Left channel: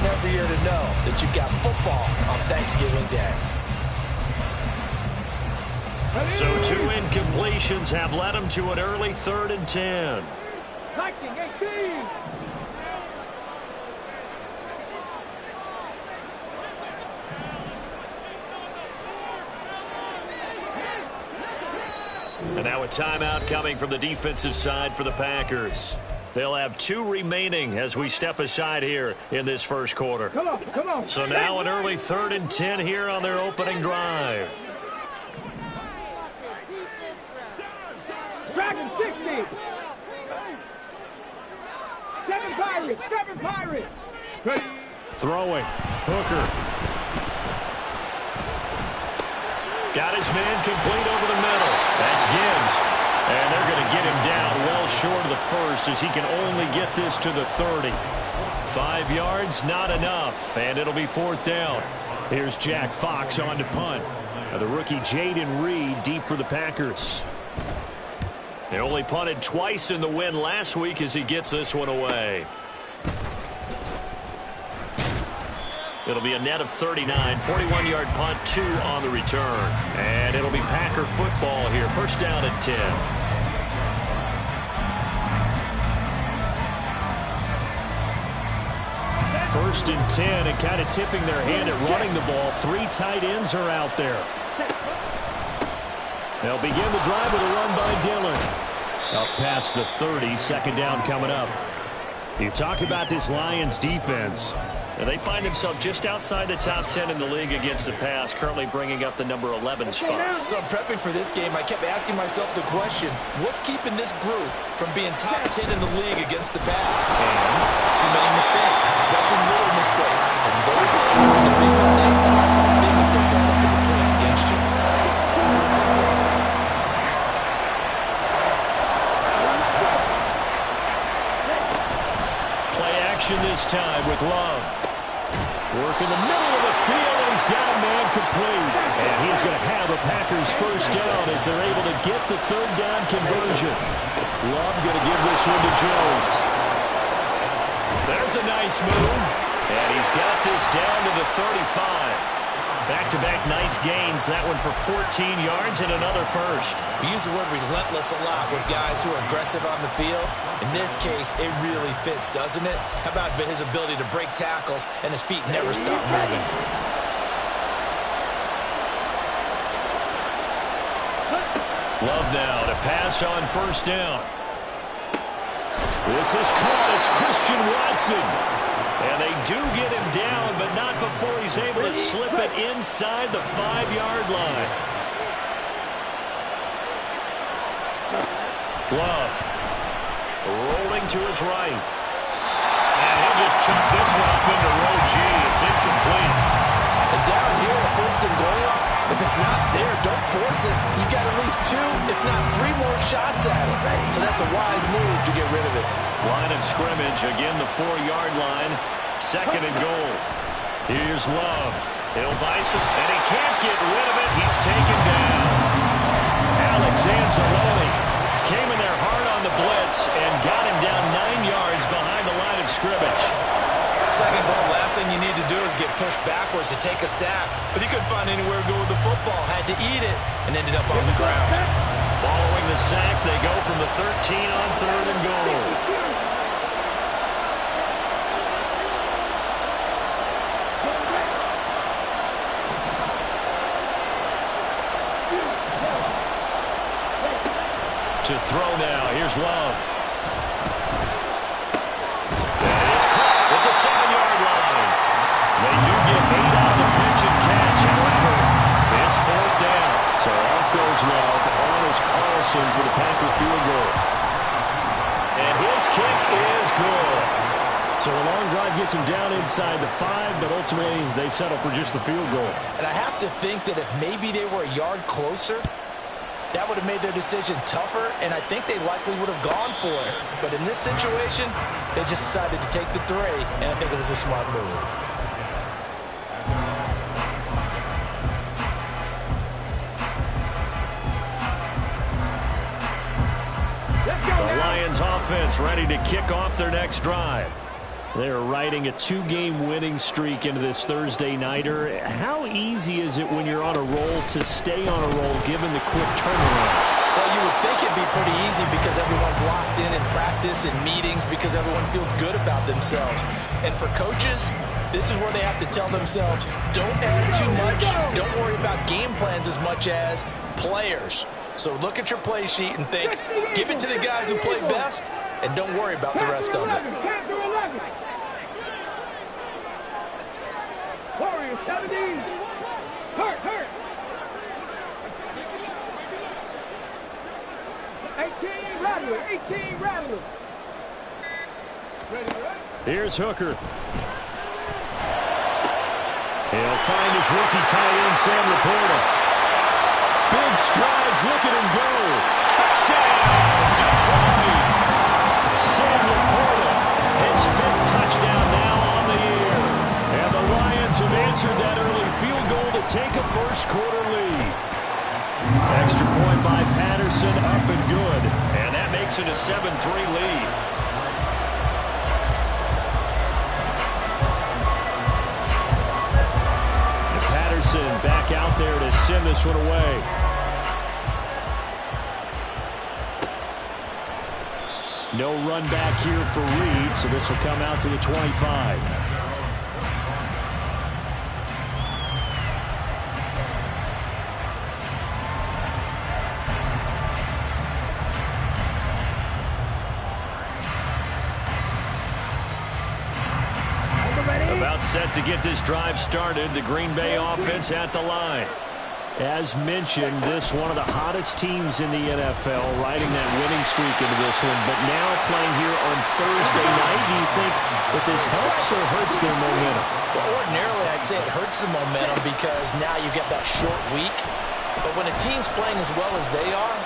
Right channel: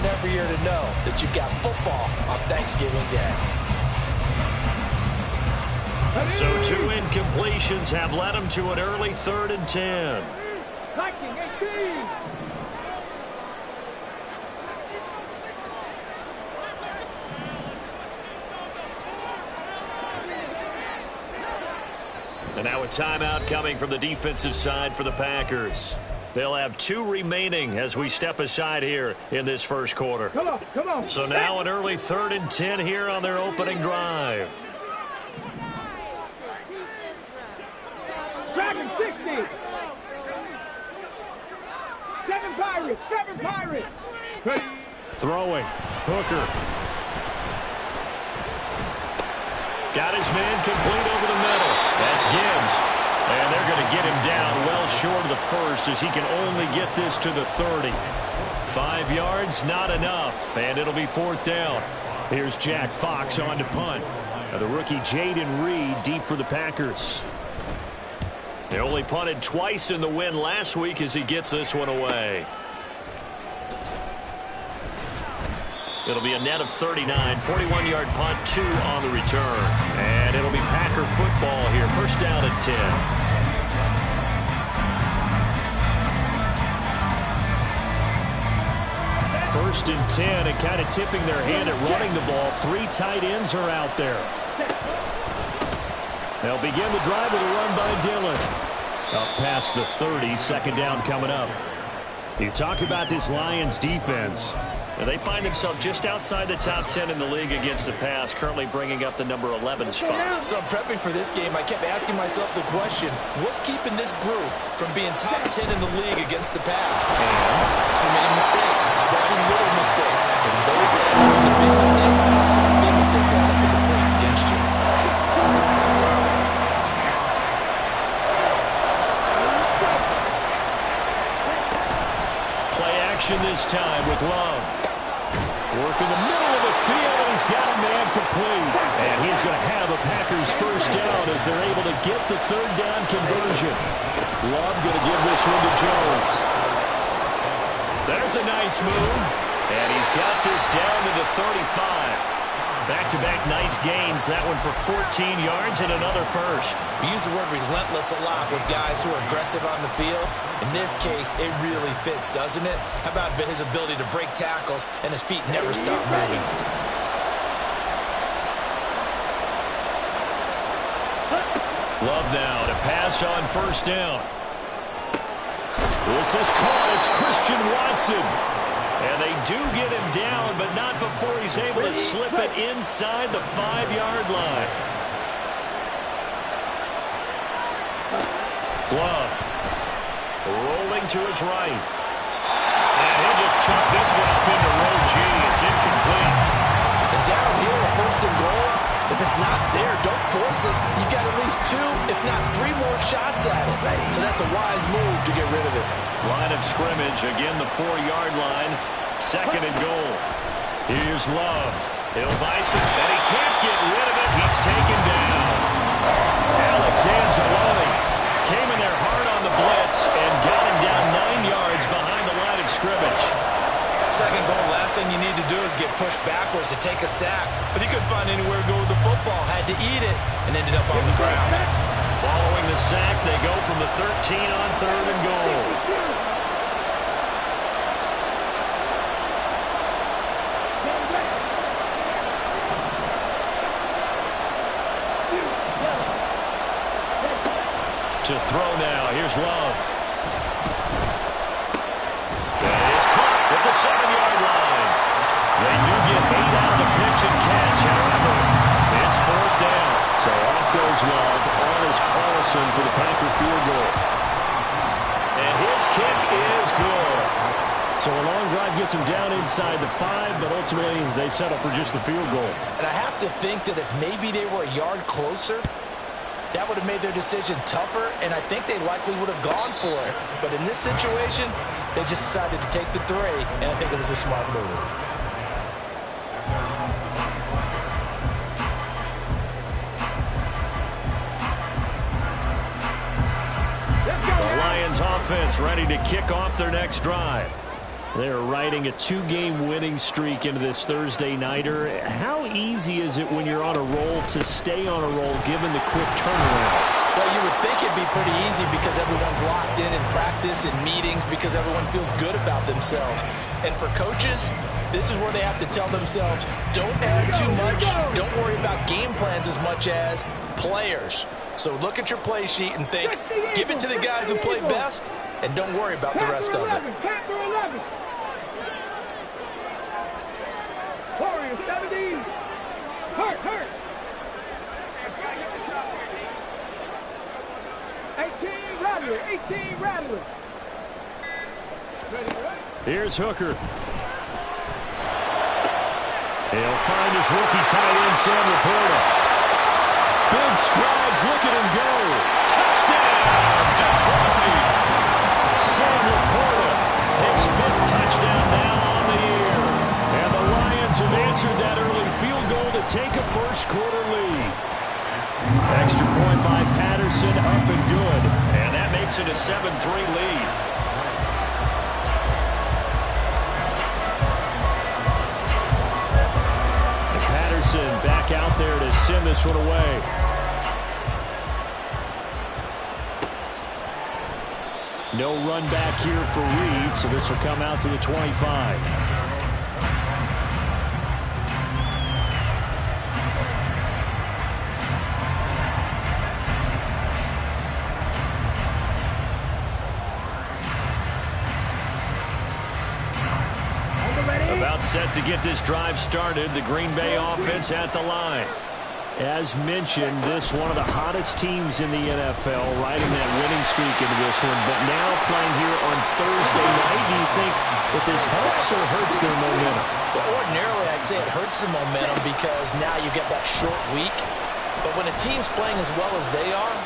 and every year to know that you've got football on Thanksgiving Day. So 2 incompletions have led him to an early 3rd and 10. Viking 18. And now a timeout coming from the defensive side for the Packers. They'll have 2 remaining as we step aside here in this first quarter. Come on. So now an early 3rd and 10 here on their opening drive. Dragon 60. 7 Pirates. Ready. Throwing. Hooker. Got his man complete over the middle. That's Gibbs. And they're going to get him down well short of the first as he can only get this to the 30. 5 yards, not enough. And it'll be 4th down. Here's Jack Fox on to punt. The rookie Jaden Reed deep for the Packers. They only punted twice in the win last week as he gets this one away. It'll be a net of 39, 41-yard punt, 2 on the return. And it'll be Packer football here, 1st down and 10. 1st and 10, and kind of tipping their hand at running the ball. 3 tight ends are out there. They'll begin the drive with a run by Dillon. Up past the 30, 2nd down coming up. You talk about this Lions defense. They find themselves just outside the top 10 in the league against the pass, currently bringing up the number 11 spot. So I'm prepping for this game. I kept asking myself the question, what's keeping this group from being top 10 in the league against the pass? And too many mistakes, especially little mistakes. And those that end up into big mistakes add up into points against you. Play action this time with Love. Work in the middle of the field, and he's got a man complete. And he's going to have a Packers 1st down as they're able to get the 3rd down conversion. Love going to give this one to Jones. There's a nice move. And he's got this down to the 35. Back-to-back nice gains. That one for 14 yards and another 1st. We use the word relentless a lot with guys who are aggressive on the field. In this case, it really fits, doesn't it? How about his ability to break tackles and his feet never stop moving? Love now to pass on 1st down. This is caught. It's Christian Watson. And they do get him down, but not before he's able to slip it inside the 5-yard line. Love rolling to his right. And he'll just chuck this one up into row G. It's incomplete. And down here, 1st and goal, if it's not there, don't force it. You've got at least 2, if not 3 more shots at it. So that's a wise move to get rid of it. Line of scrimmage, again the 4-yard line. 2nd and goal. Here's Love. He'll buy some, and he can't get rid of it. He's taken down. Alex Anzalone came in there hard on the blitz and got him down 9 yards behind the line of scrimmage. 2nd goal, last thing you need to do is get pushed backwards to take a sack. But he couldn't find anywhere to go with the football. Had to eat it and ended up on the ground. Following the sack, they go from the 13 on 3rd and goal. To throw now. Here's Love. That is caught at the 7-yard line. They do get 8 out of the pitch and catch. However, it's 4th down. So off goes Love. On is Carlson for the Packer field goal. And his kick is good. So a long drive gets him down inside the 5, but ultimately they settle for just the field goal. And I have to think that if maybe they were a yard closer, that would have made their decision tougher, and I think they likely would have gone for it. But in this situation, they just decided to take the 3, and I think it was a smart move. The Lions offense ready to kick off their next drive. They're riding a 2-game winning streak into this Thursday nighter. How easy is it when you're on a roll to stay on a roll given the quick turnaround? Well, you would think it'd be pretty easy because everyone's locked in practice and meetings because everyone feels good about themselves. And for coaches, this is where they have to tell themselves, don't add too much, don't worry about game plans as much as players. So look at your play sheet and think, give it to the guys who play best, and don't worry about the rest of it. Warriors 70. Hurt. 18 Rattler. Ready, right? Here's Hooker. He'll find his rookie tight end, Sam Laporta. Big strides, look at him go. Touchdown, Detroit! Sam Laporta, his 5th touchdown now on the year. And the Lions have answered that early field goal to take a first-quarter lead. Extra point by Patterson, up and good. And that makes it a 7-3 lead. And Patterson back out there to send this one away. No run back here for Reed, so this will come out to the 25. About set to get this drive started. The Green Bay offense at the line. As mentioned, this one of the hottest teams in the NFL, riding that winning streak into this one, but now playing here on Thursday night. Do you think that this helps or hurts their momentum? Well, ordinarily, I'd say it hurts the momentum because now you get that short week. But when a team's playing as well as they are,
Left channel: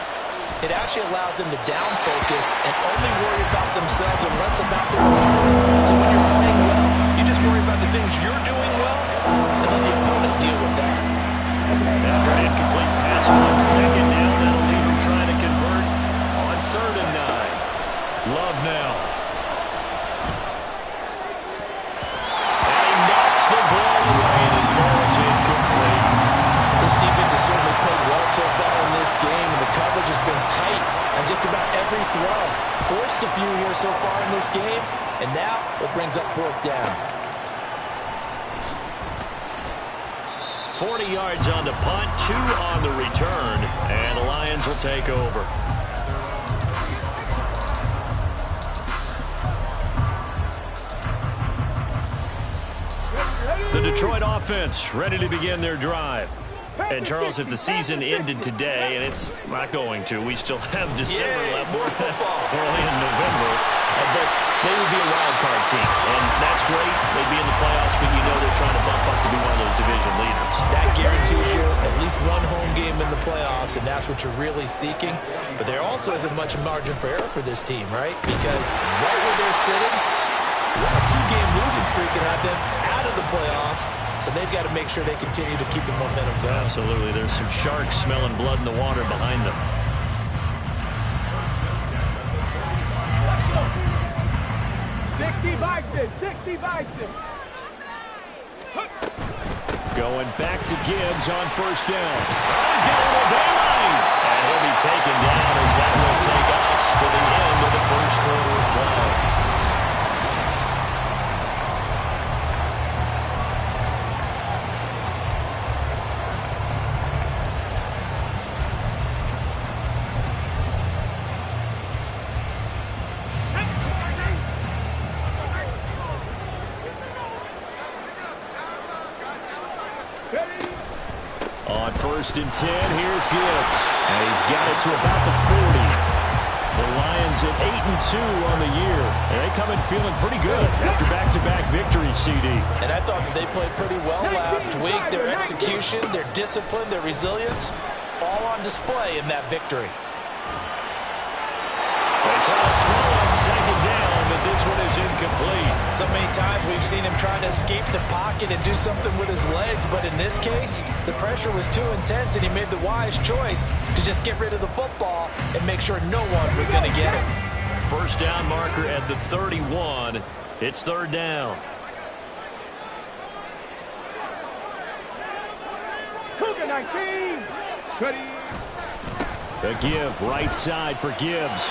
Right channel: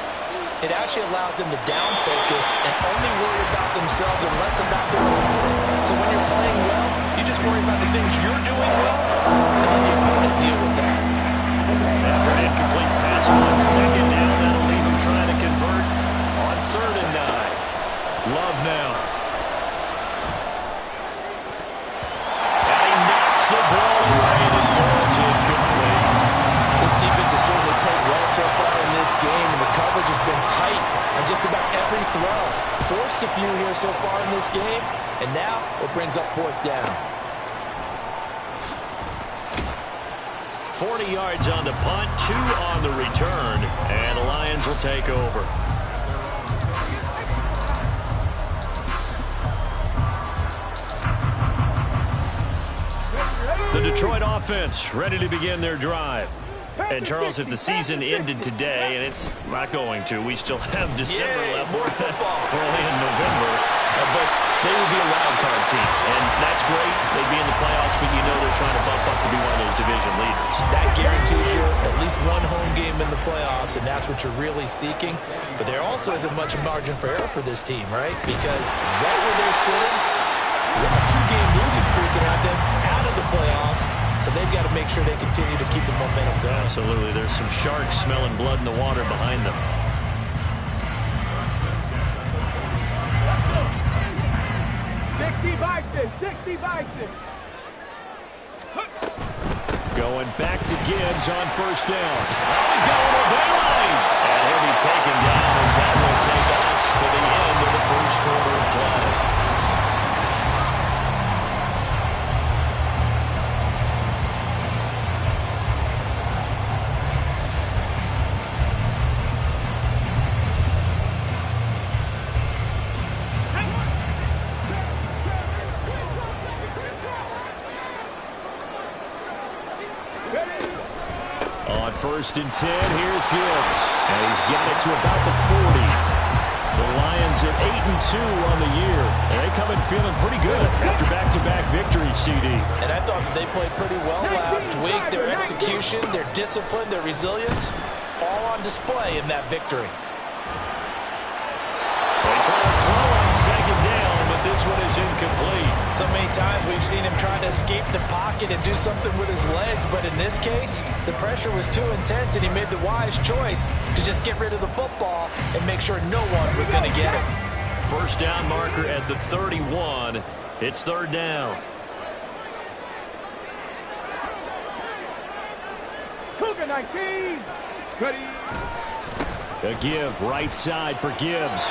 it actually allows them to down focus and only worry about themselves and less about their opponent. So when you're playing well, you just worry about the things you're doing well and let the opponent deal with that. After an incomplete pass on 2nd down, that'll leave him trying to convert on 3rd and 9. Love now. And he knocks the ball away and it falls incomplete. This defense has certainly played well so far in this game, and the coverage has been tight on just about every throw. Forced a few here so far in this game, and now it brings up 4th down. 40 yards on the punt, 2 on the return, and the Lions will take over. The Detroit offense ready to begin their drive. And, Charles, if the season ended today, and it's not going to, we still have December left. More football. Early in November. But they would be a wild card team. And that's great. They'd be in the playoffs, but you know they're trying to bump up to be one of those division leaders. That guarantees you at least one home game in the playoffs, and that's what you're really seeking. But there also isn't much margin for error for this team, right? Because right where they're sitting, a 2-game losing streak can have them out of the playoffs. So they've got to make sure they continue to keep the momentum going. Absolutely. There's some sharks smelling blood in the water behind them. Sixty Bison. Going back to Gibbs on 1st down. Oh, he's got a little daylight. And he'll be taken down as that will take us to the end of the 1st quarter of play. On 1st and 10, here's Gibbs. And he's got it to about the 40. The Lions at 8-2 on the year. And they come in feeling pretty good after back-to-back victories, CD. And I thought that they played pretty well last week. Their execution, their discipline, their resilience, all on display in that victory. They try to throw on 2nd down, but this one is incomplete. So many times we've seen him trying to escape the pocket and do something with his legs, but in this case, the pressure was too intense, and he made the wise choice to just get rid of the football and make sure no one was going to get it. 1st down marker at the 31. It's third down. Cougar 19. Ready. A give right side for Gibbs.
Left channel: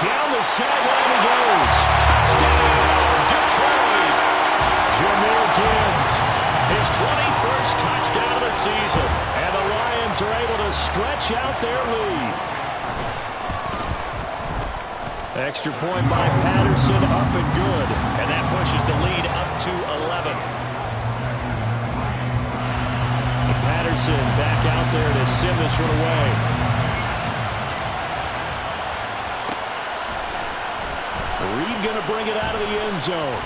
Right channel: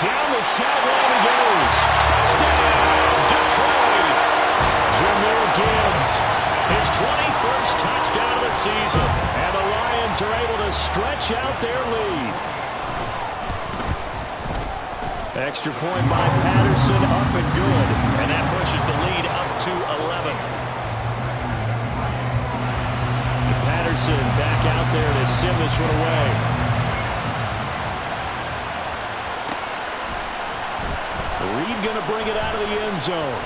Down the sideline he goes. Touchdown, Detroit. Jahmyr Gibbs, his 21st touchdown of the season. And the Lions are able to stretch out their lead. Extra point by Patterson, up and good. And that pushes the lead up to 11. Patterson back out there to send this one away. Reed going to bring it out of the end zone.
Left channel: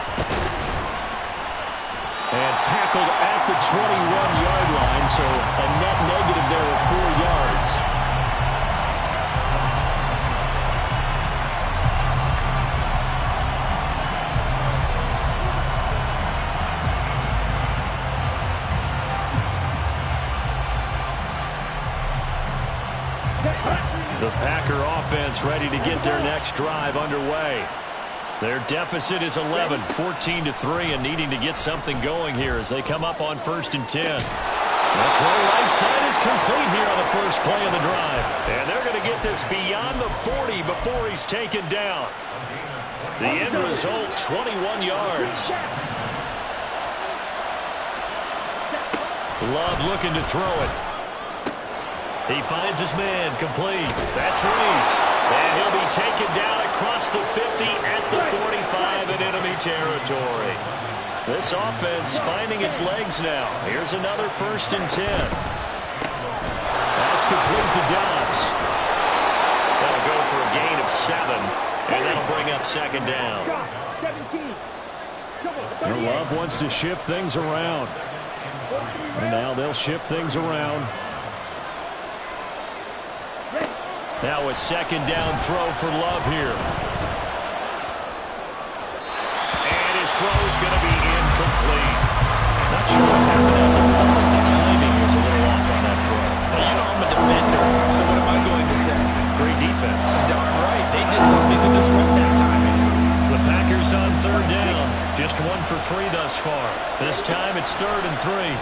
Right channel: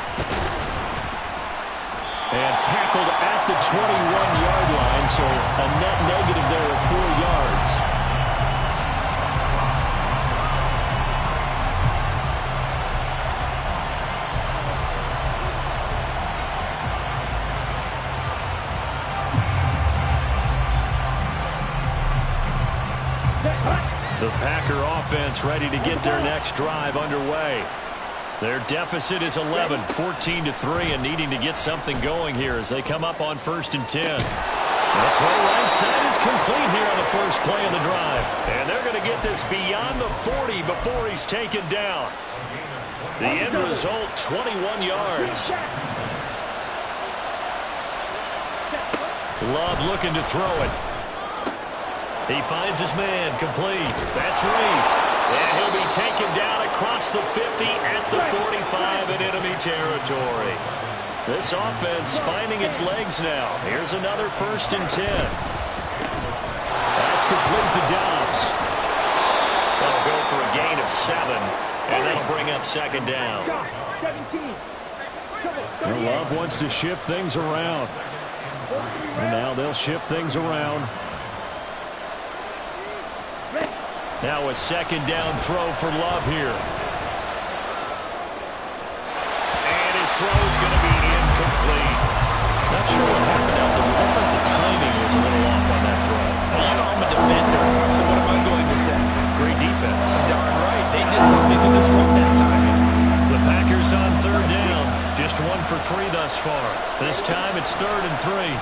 And tackled at the 21-yard line, so a net negative there of 4 yards. The Packer offense ready to get their next drive underway. Their deficit is 11, 14-3, and needing to get something going here as they come up on 1st and 10. That throw right side is complete here on the first play of the drive. And they're going to get this beyond the 40 before he's taken down. The end result, 21 yards. Love looking to throw it. He finds his man, complete. That's Reed. And he'll be taken down across the 50 at the 45 in enemy territory. This offense finding its legs now. Here's another 1st and 10. That's complete to Dobbs. That'll go for a gain of 7, and that'll bring up 2nd down. 17. Love wants to shift things around. And now they'll shift things around. Now a 2nd down throw for Love here. And his throw is going to be incomplete. Not sure what happened out there. I think the timing was a little off on that throw. Hey, you know I'm a defender, so what am I going to say? Great defense. Darn right. They did something to disrupt that timing. The Packers on 3rd down. Just 1 for 3 thus far. This time it's 3rd and 3.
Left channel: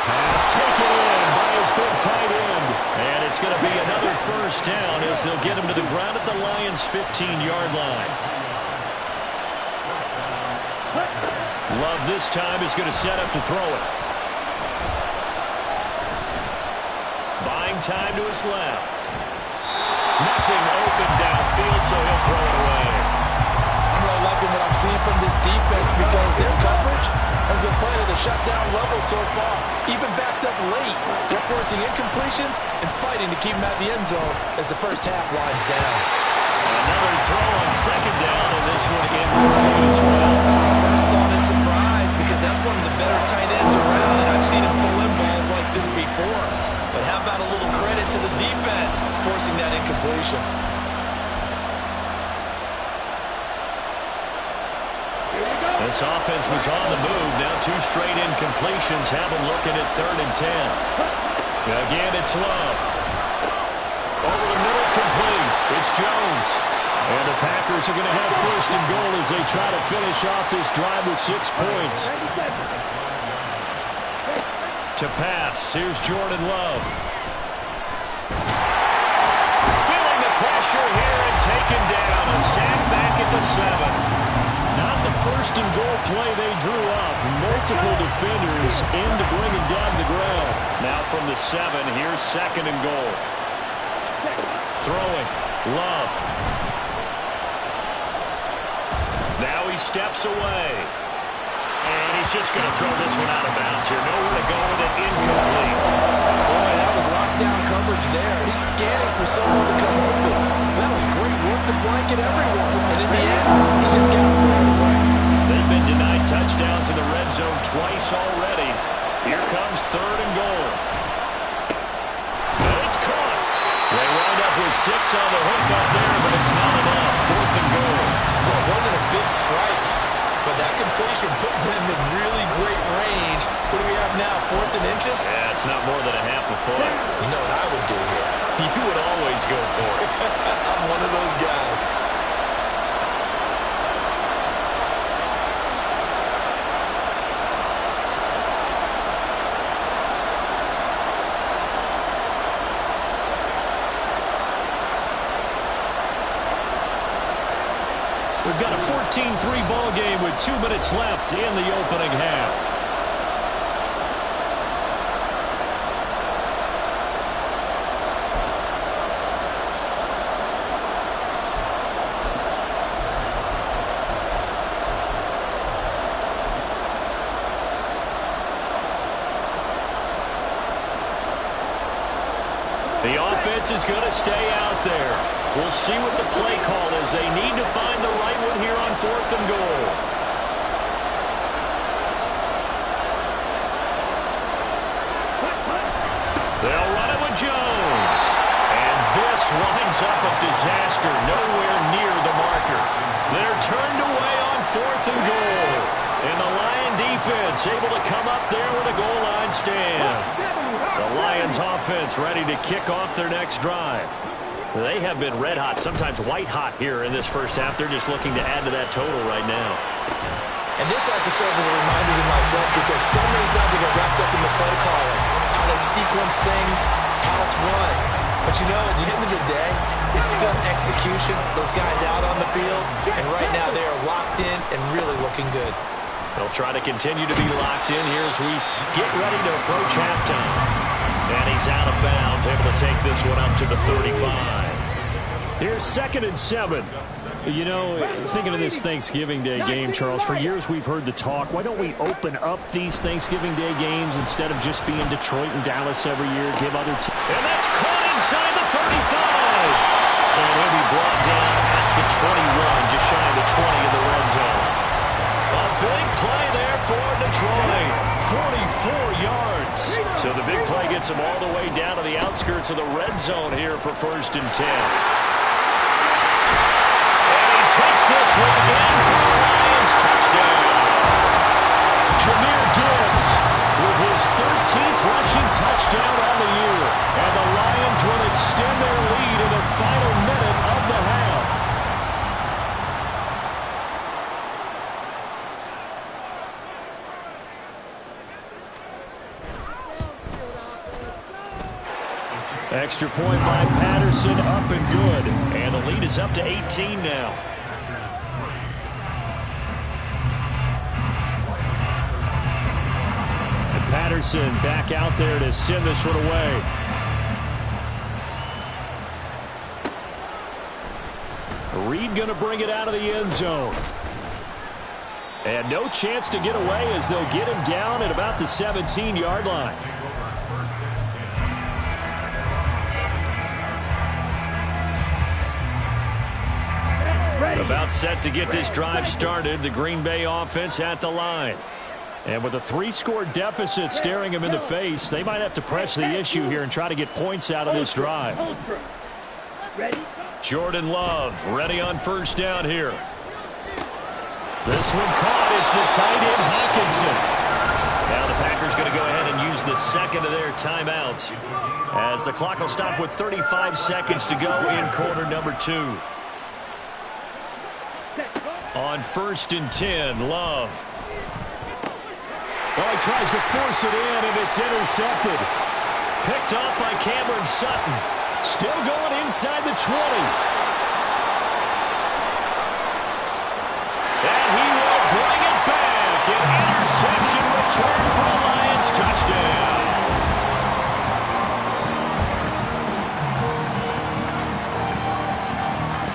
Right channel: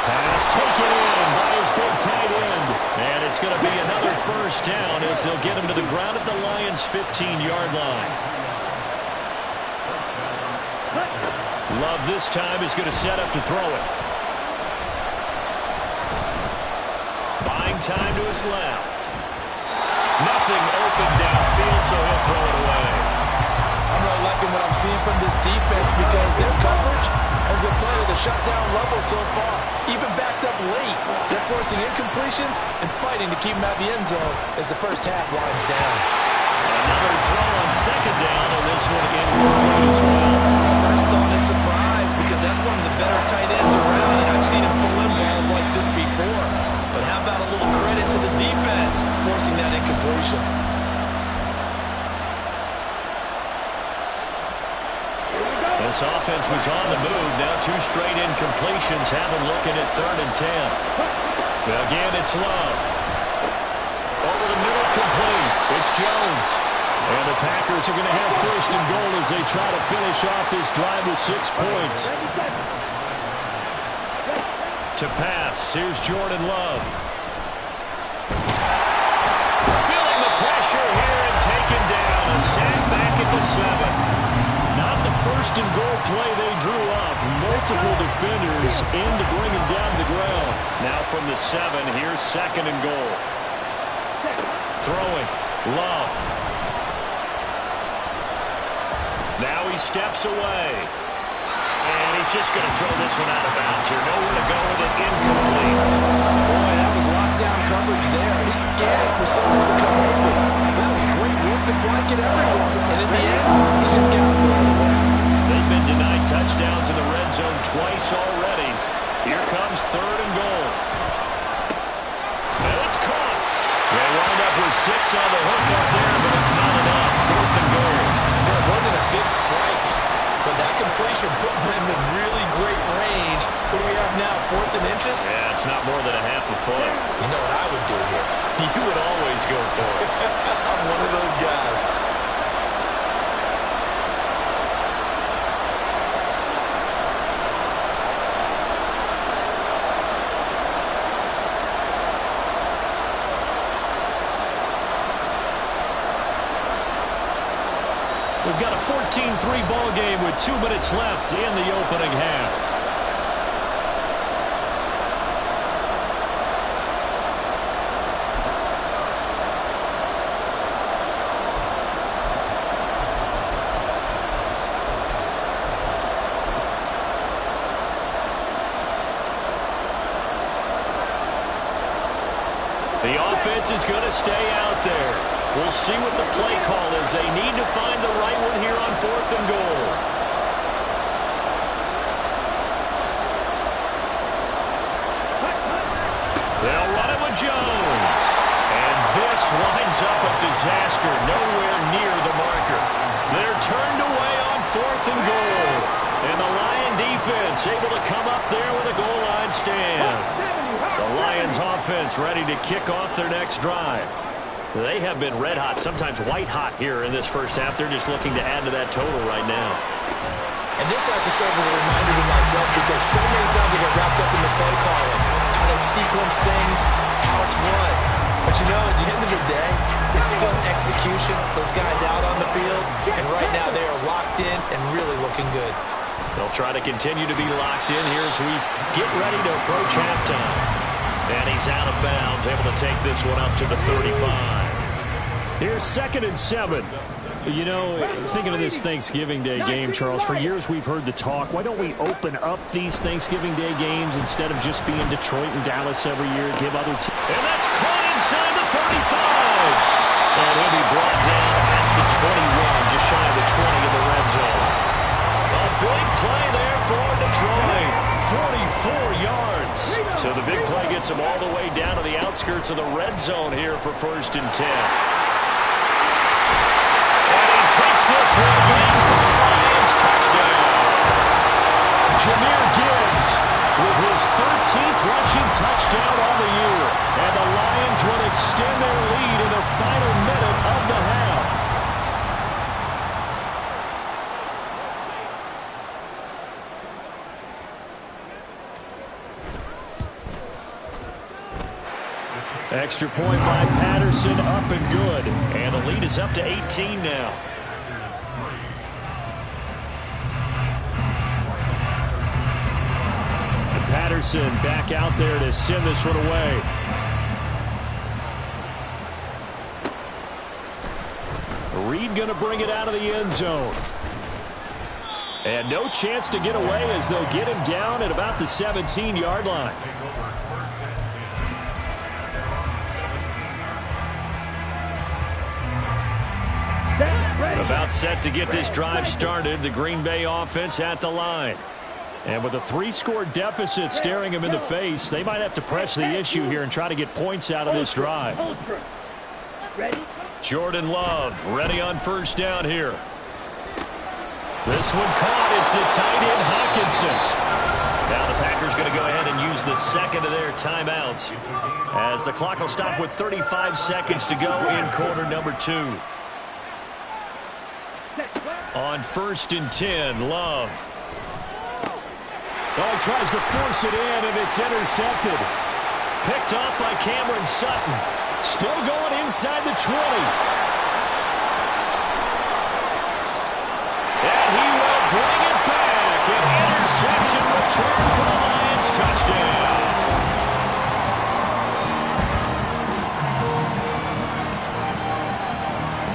Pass taken in by his big tight end. And it's going to be another 1st down as they'll get him to the ground at the Lions' 15-yard line. Love this time is going to set up to throw it. Buying time to his left. Nothing open downfield, so he'll throw it away. I'm really liking what I'm seeing from this defense because their coverage has been playing at a shutdown level so far. Even backed up late, they're forcing incompletions and fighting to keep them at the end zone as the first half winds down. Another throw on 2nd down, and this one incomplete as well. My first thought is surprise because that's one of the better tight ends around, and I've seen him pull in balls like this before. But how about a little credit to the defense forcing that incompletion? This offense was on the move. Now 2 straight incompletions have them looking at 3rd and 10. Again, it's Love. Over the middle, complete. It's Jones. And the Packers are going to have 1st and goal as they try to finish off this drive with 6 points. To pass, here's Jordan Love. Feeling the pressure here and taken down. A sack back at the 7. Not the 1st and goal play they drew up. Multiple defenders in to bring him down to the ground. Now from the 7, here's 2nd and goal. Throwing. Love. Now he steps away. And he's just going to throw this one out of bounds here. Nowhere to go with it. Incomplete. Boy, that was lockdown coverage there. He's scanning for someone to come open. That was great work to blanket everyone. And in the end, he's just got to throw it away. They've been denied touchdowns in the red zone twice already. Here comes 3rd and goal. And it's caught. They wind up with 6 on the hook up there, but it's not enough. 4th and goal. Well, it wasn't a big strike, but that completion put them in really great range. What do we have now, 4th and inches? Yeah, it's not more than a half a foot. You know what I would do here? You would always go for it. I'm one of those guys. We've got a 14-3 ball game with 2 minutes left in the opening half. The offense is going to stay out there. We'll see what the play call is. They need to find the right one here on 4th and goal. They'll run it with Jones. And this winds up a disaster. Nowhere near the marker. They're turned away on 4th and goal. And the Lion defense able to come up there with a goal line stand. The Lions offense ready to kick off their next drive. They have been red hot, sometimes white hot here in this first half. They're just looking to add to that total right now. And this has to serve as a reminder to myself because so many times I get wrapped up in the play calling, how they sequence things, how it's run. But you know, at the end of the day, it's still execution. Those guys out on the field, and right now they are locked in and really looking good. They'll try to continue to be locked in here as we get ready to approach halftime. And he's out of bounds, able to take this one up to the 35. Here's 2nd and 7. You know, thinking of this Thanksgiving Day game, Charles, for years we've heard the talk, why don't we open up these Thanksgiving Day games instead of just being Detroit and Dallas every year, give other teams. And that's caught inside the 35. And he'll be brought down at the 21, just shy of the 20 in the red zone. A big play there for Detroit. 44 yards. So the big play gets them all the way down to the outskirts of the red zone here for 1st and 10. And he takes this one in for the Lions touchdown. Jahmyr Gibbs with his 13th rushing touchdown on the year. And the Lions will extend their lead in the final minute of the half. Extra point by Patterson, up and good. And the lead is up to 18 now. And Patterson back out there to send this one away. Reed going to bring it out of the end zone. And no chance to get away as they'll get him down at about the 17-yard line. About set to get this drive started. The Green Bay offense at the line. And with a 3-score deficit staring them in the face, they might have to press the issue here and try to get points out of this drive. Jordan Love ready on 1st down here. This one caught. It's the tight end Hockenson. Now the Packers going to go ahead and use the 2nd of their timeouts as the clock will stop with 35 seconds to go in quarter number 2. On 1st and 10, Love. Oh, he tries to force it in, and it's intercepted. Picked off by Cameron Sutton. Still going inside the 20. And he will bring it back. An interception return for the Lions. Touchdown.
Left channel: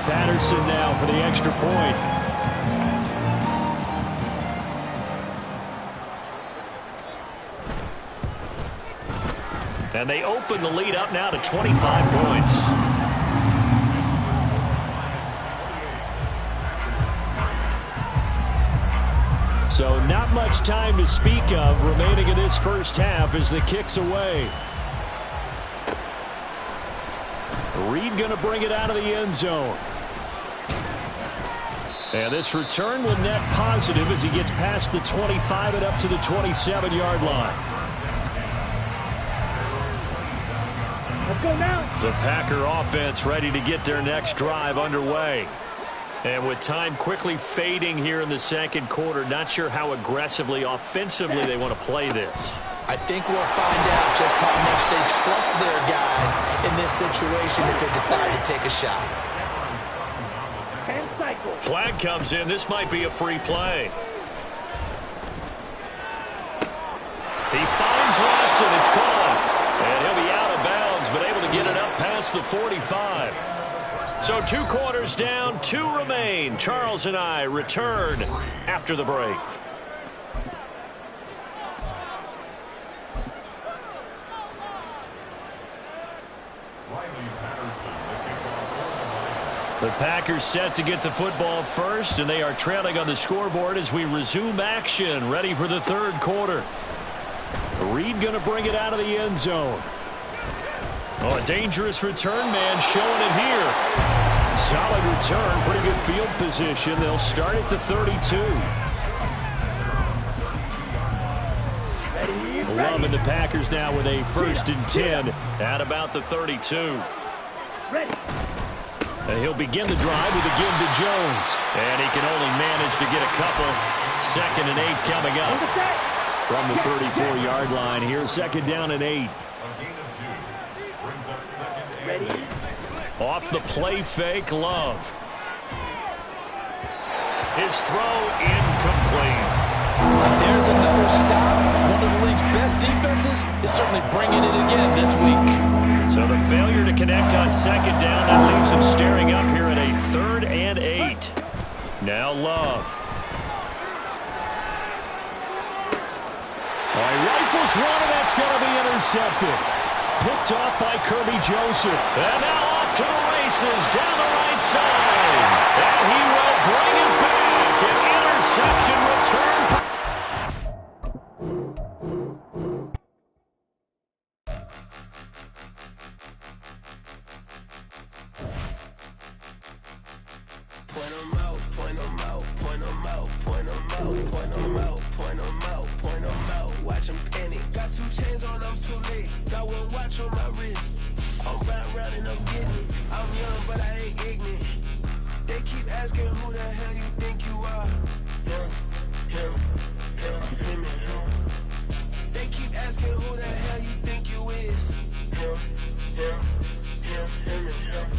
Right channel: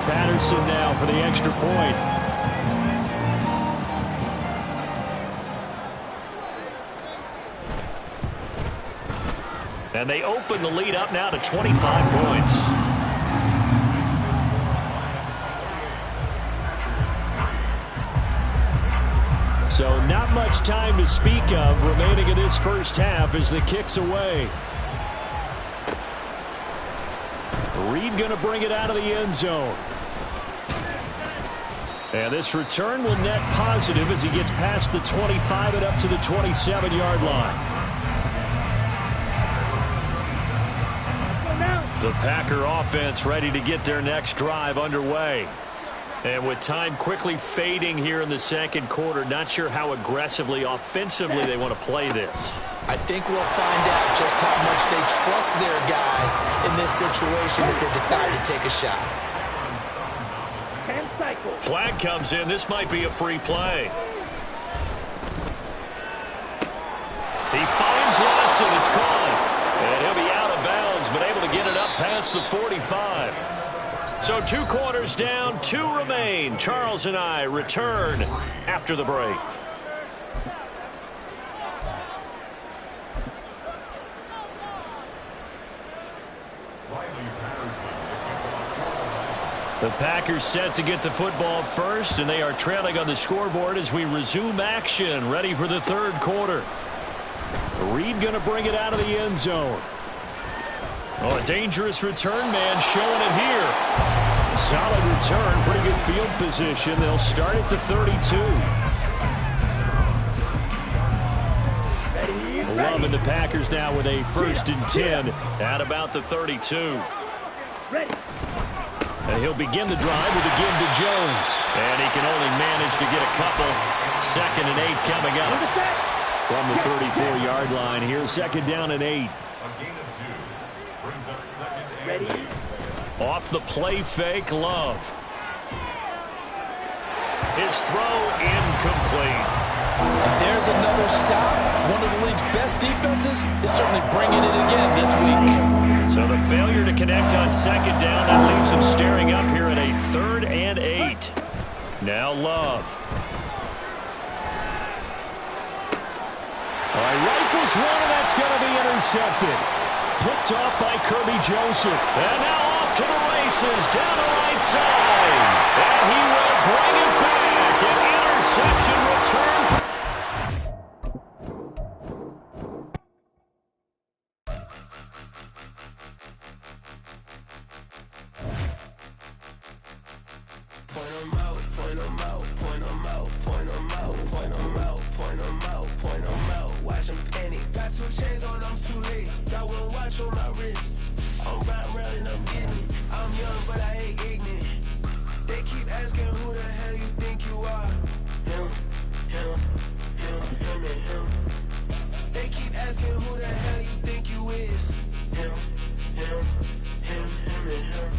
Patterson now for the extra point. And they open the lead up now to 25 points. So not much time to speak of remaining in this first half as the kick's away. Reed going to bring it out of the end zone. And this return will net positive as he gets past the 25 and up to the 27-yard line. The Packer offense ready to get their next drive underway. And with time quickly fading here in the second quarter, not sure how aggressively, offensively they want to play this. I think we'll find out just how much they trust their guys in this situation if they decide to take a shot. Flag comes in. This might be a free play. He finds Watson. It's caught. And he'll be out of bounds, but able to get it up past the 45. So 2 quarters down, 2 remain. Charles and I return after the break. The Packers set to get the football first, and they are trailing on the scoreboard as we resume action, ready for the 3rd quarter. Reed going to bring it out of the end zone. Oh, a dangerous return man showing it here. Solid return, pretty good field position. They'll start at the 32. Love and the Packers now with a 1st and 10 at about the 32. And he'll begin the drive with a give to Jones. And he can only manage to get a couple. 2nd and 8 coming up. From the 34-yard line here, 2nd down and 8. Off the play fake, Love. His throw incomplete. And there's another stop. One of the league's best defenses is certainly bringing it again this week. So the failure to connect on 2nd down, that leaves him staring up here at a 3rd and 8. Now Love. All right, rifles one, and that's going to be intercepted. Picked off by Kirby Joseph. And now off to the races down the right side. And he will bring it back. An interception return for... Point 'em out, point 'em out, point 'em out, point 'em out, point 'em out, point 'em out, point 'em out. Watch 'em panic. Got 2 chains on, I'm too late. Got 1 watch on my wrist. I'm riding round and I'm getting it. I'm young, but I ain't ignorant. They keep asking who the hell you think you are. Him, him, him, him, and him. They keep asking who the hell you think you is. Him, him, him, him, and him.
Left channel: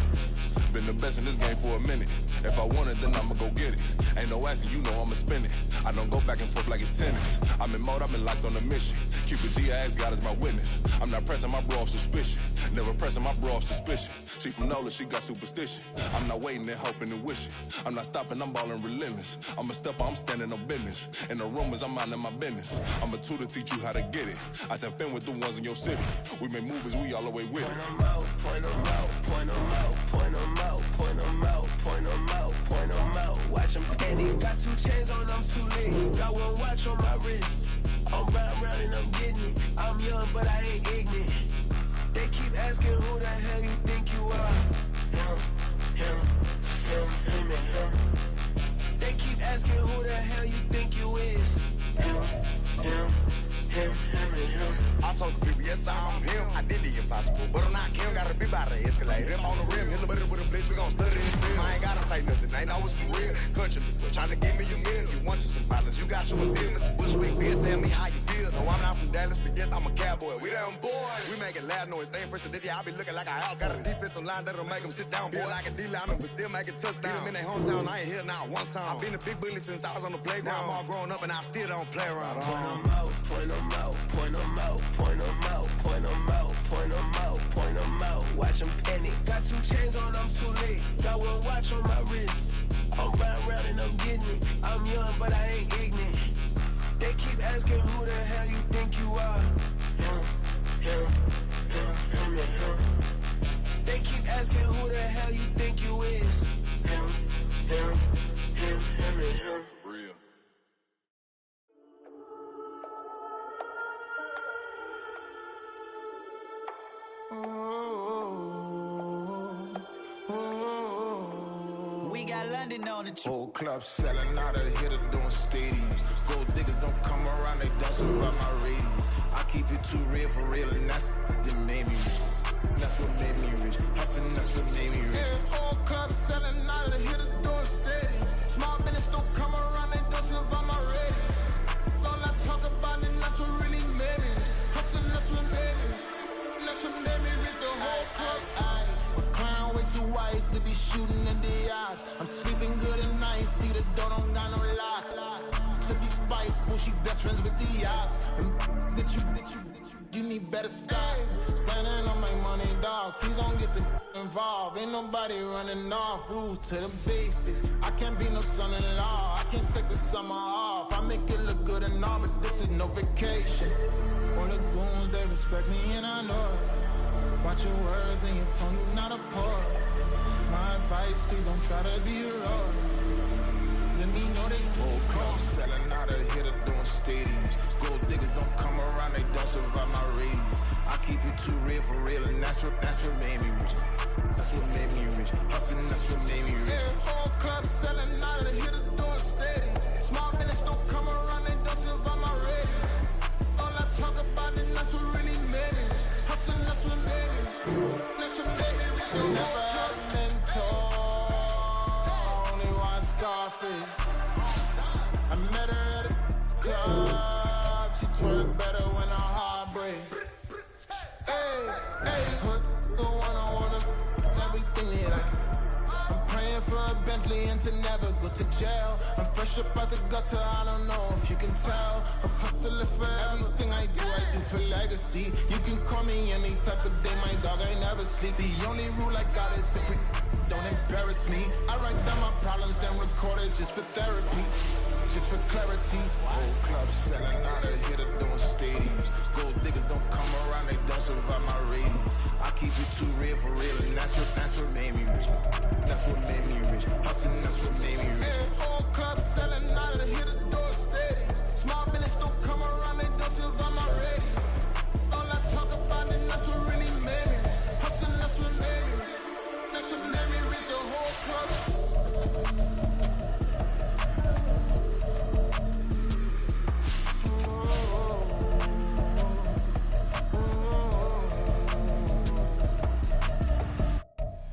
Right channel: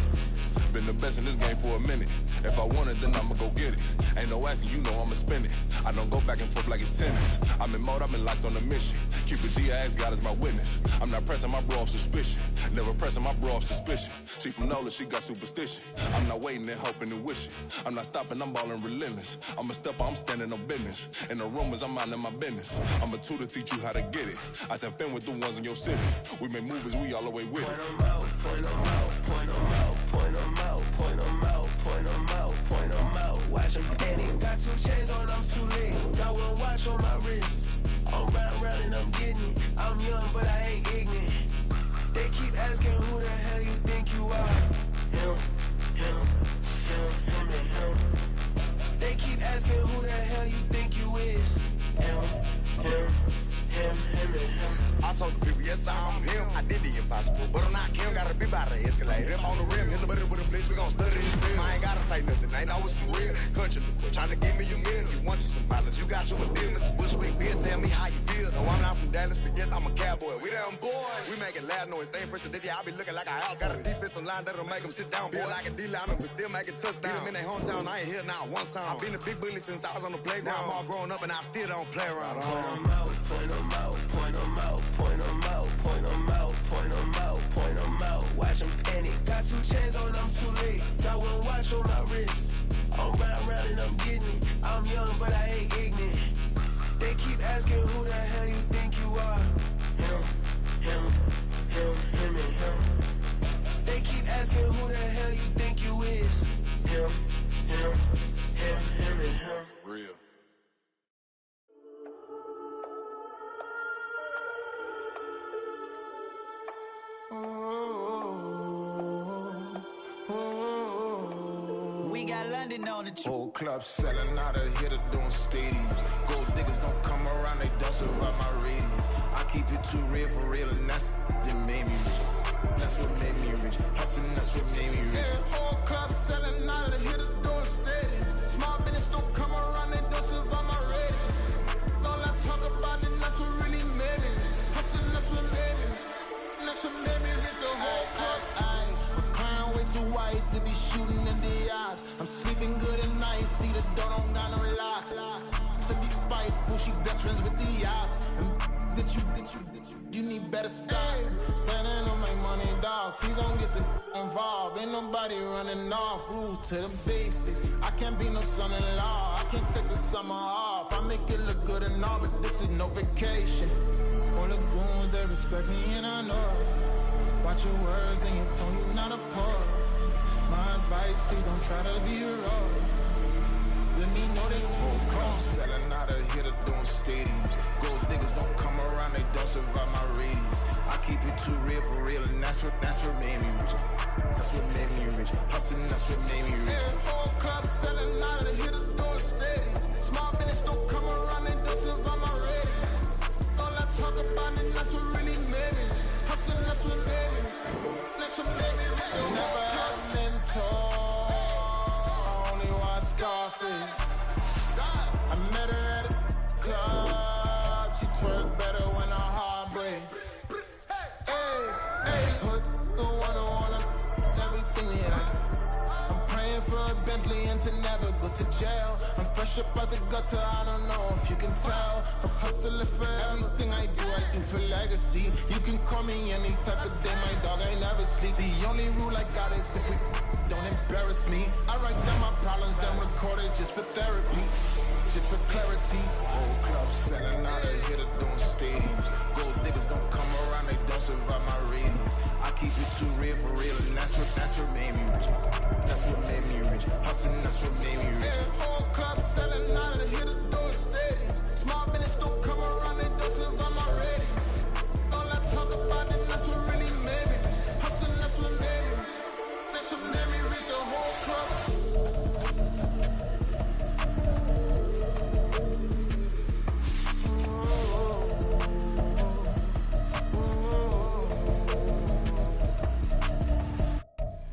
Been the best in this game for a minute. If I want it, then I'ma go get it. Ain't no asking, you know I'ma spend it. I don't go back and forth like it's tennis. I'm in mode, I've been locked on a mission. Cupid G, I ask God as my witness. I'm not pressing my bro off suspicion. Never pressing my bro off suspicion. She from NOLA, she got superstition. I'm not waiting and hoping and wishing. I'm not stopping, I'm balling relentless. I'm a stepper, I'm standing on business. In the rumors, I'm minding my business. I'm a tutor, teach you how to get it. I tap in with the ones in your city. We make movies, we all the way with it. Point 'em out, point 'em out, point 'em out, point 'em out, point 'em out, point 'em out, point 'em out. Watch 'em panic. Got 2 chains on, I'm too late. Got 1 watch on my wrist. I'm riding round and I'm getting it. I'm young, but I ain't ignorant. They keep asking who the hell you think you are. Him, him, him, him, and him. They keep asking who the hell you think you is. Him, him, him, him, and him. I told the people, yes, I'm him. I did the impossible, but I'm not Kim. Gotta be by the escalator. Him on the rim, hit the butter with a blitz. We gon' study this still. I ain't gotta say nothing. Ain't know it's for real. Country, trying to give me your meal. You want you some violence. You got you a deal, Mr. Bushwick. Bill, tell me how you feel. No, I'm not from Dallas, but yes, I'm a cowboy. We them boys. We making loud noise. Staying fresh to this, I be looking like a house. Got a defensive line that'll make them sit down. Feel like a D-lineman, but still making touchdowns. Beat them in their hometown. I ain't here now one time. I've been a big bully since I was on the playground. Now I'm all grown up and I still don't play around. Point 'em out, point 'em out, point 'em out, point 'em out, point 'em out, point 'em out, point 'em out. Watch 'em panic. Got 2 chains on, I'm too late. Got 1 watch on my wrist. I'm riding round and I'm getting it. I'm young, but I ain't ignorant. They keep asking who the hell you think you are. Him, him, him, him, and him. They keep asking who the hell you think you is. Him, him, him, him, and him. Real. We got London on the trip. Whole club selling out of hitter doing stadiums. Gold diggers don't come around, they don't survive my radius. I keep it too real for real, and that's that made me rich. That's what made me rich. Hustling, that's what made me rich. Yeah, whole club selling out of the hitters doing stadiums. Small business don't come around, they don't survive my radius. All I talk about, and that's what really made me rich. Hustling, that's what made me rich. That's what made me rich. The whole club. My clown way too white to be shooting in the eye. vibes. I'm sleeping good at night, see the door don't got no locks. To be spiteful, she best friends with the ops. And you need better stocks. Standing on my money, dog. Please don't get involved. Ain't nobody running off. Rules to the basics. I can't be no son-in-law. I can't take the summer off. I make it look good and all, but this is no vacation. All the goons, they respect me and I know it. Watch your words and your tone, you not a poet. My advice, please don't try to be heroic. Let me know they whole club selling out of here to doing stadiums. Gold diggers don't come around, they don't survive my radius. I keep it too real for real, and that's what made me rich. That's what made me rich. Hustling, that's what made me rich. Yeah, whole club selling out of here to doing stadiums. Small business don't come around, they don't survive my radius. All I talk about, and that's what really made me rich. Hustling, that's what made me rich. That's what made me rich. Never had a mentor. Scarface. I met her at a club. She twerk better when her heart breaks. Hey, put the wanna everything that I can. I'm praying for a Bentley and to never go to jail. I'm fresh up out the gutter, I don't know if you can tell. I'm hustling for everything I do for legacy. You can call me any type of day, my dog, I never sleep. The only rule I got is if we don't embarrass me. I write down my problems, then record it just for therapy, just for clarity. Whole club selling out of here to doing stadiums. Gold diggers don't come around, they don't survive my radius. I keep it too real for real, and that's what made me rich. That's what made me rich. Hustling, that's what made me rich. Yeah, whole club selling out of here to doing stadiums. Small business don't come around, they don't survive my radius. All I talk about, and that's what really made me rich. Hustling, that's what made me rich. That's what made me read the whole club.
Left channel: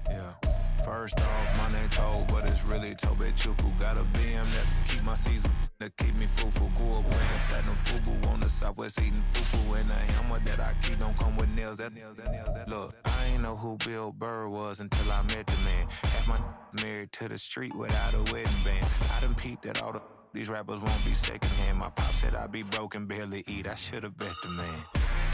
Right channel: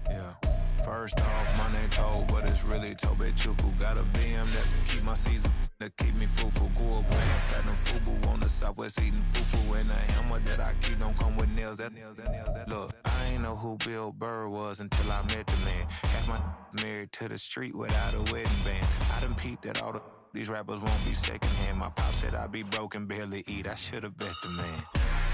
Yeah. First off, my name Toad, but it's really Tobe Chuku. Got a BM that keep my season, that keep me fruitful. Grew up playing platinum fubu on the Southwest eating fufu. And the hammer that I keep don't come with nails. Look, I ain't know who Bill Burr was until I met the man. Half my married to the street without a wedding band. I done peeped that all these rappers won't be secondhand. My pop said I'd be broke and barely eat. I should've bet the man.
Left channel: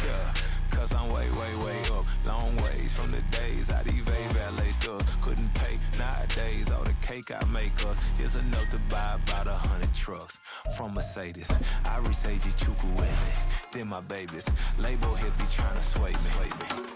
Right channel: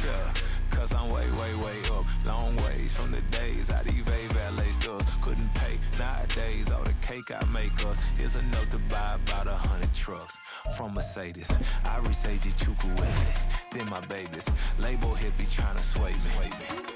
Yeah, cause I'm way up. Long ways from the days I evade valet stores. Couldn't pay nowadays. All the cake I make us is enough to buy about 100 trucks. From Mercedes, I resage Chukwueze. Then my babies, label hit be trying to sway me.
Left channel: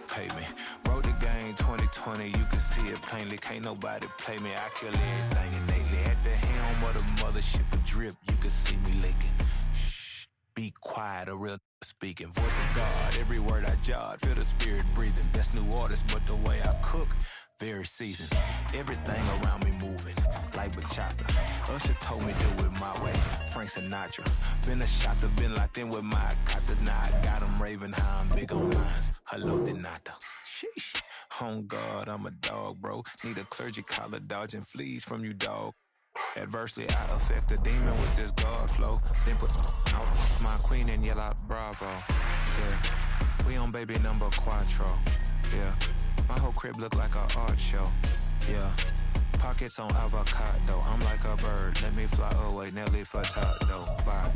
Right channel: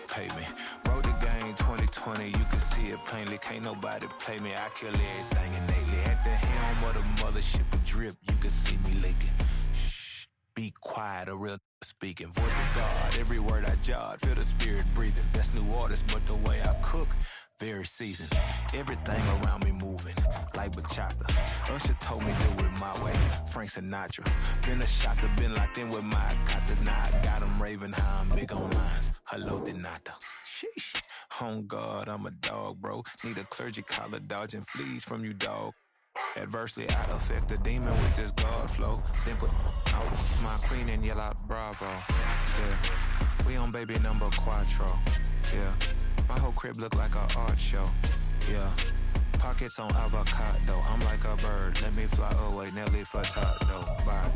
Pay me. Wrote the game 2020, you can see it plainly. Can't nobody play me. I kill everything innately. At the helm of the mothership with drip, you can see me leaking. Shh, be quiet, a real speaking. Voice of God, every word I jot, feel the spirit breathing. Best new artist, but the way I cook, very seasoned. Everything around me moving, like bachata. Usher told me do it my way, Frank Sinatra. Been a shotter, been locked in with my katas. Now I got them raving how I'm big on lines. Hello, Denata. Sheesh. On God, I'm a dog, bro. Need a clergy collar, dodging fleas from you, dog. Adversely, I affect the demon with this God flow. Then put out my queen and yell out bravo. Yeah, we on baby number quattro. Yeah, my whole crib look like a art show. Yeah, pockets on avocado. I'm like a bird, let me fly away. Nelly Furtado. Bye.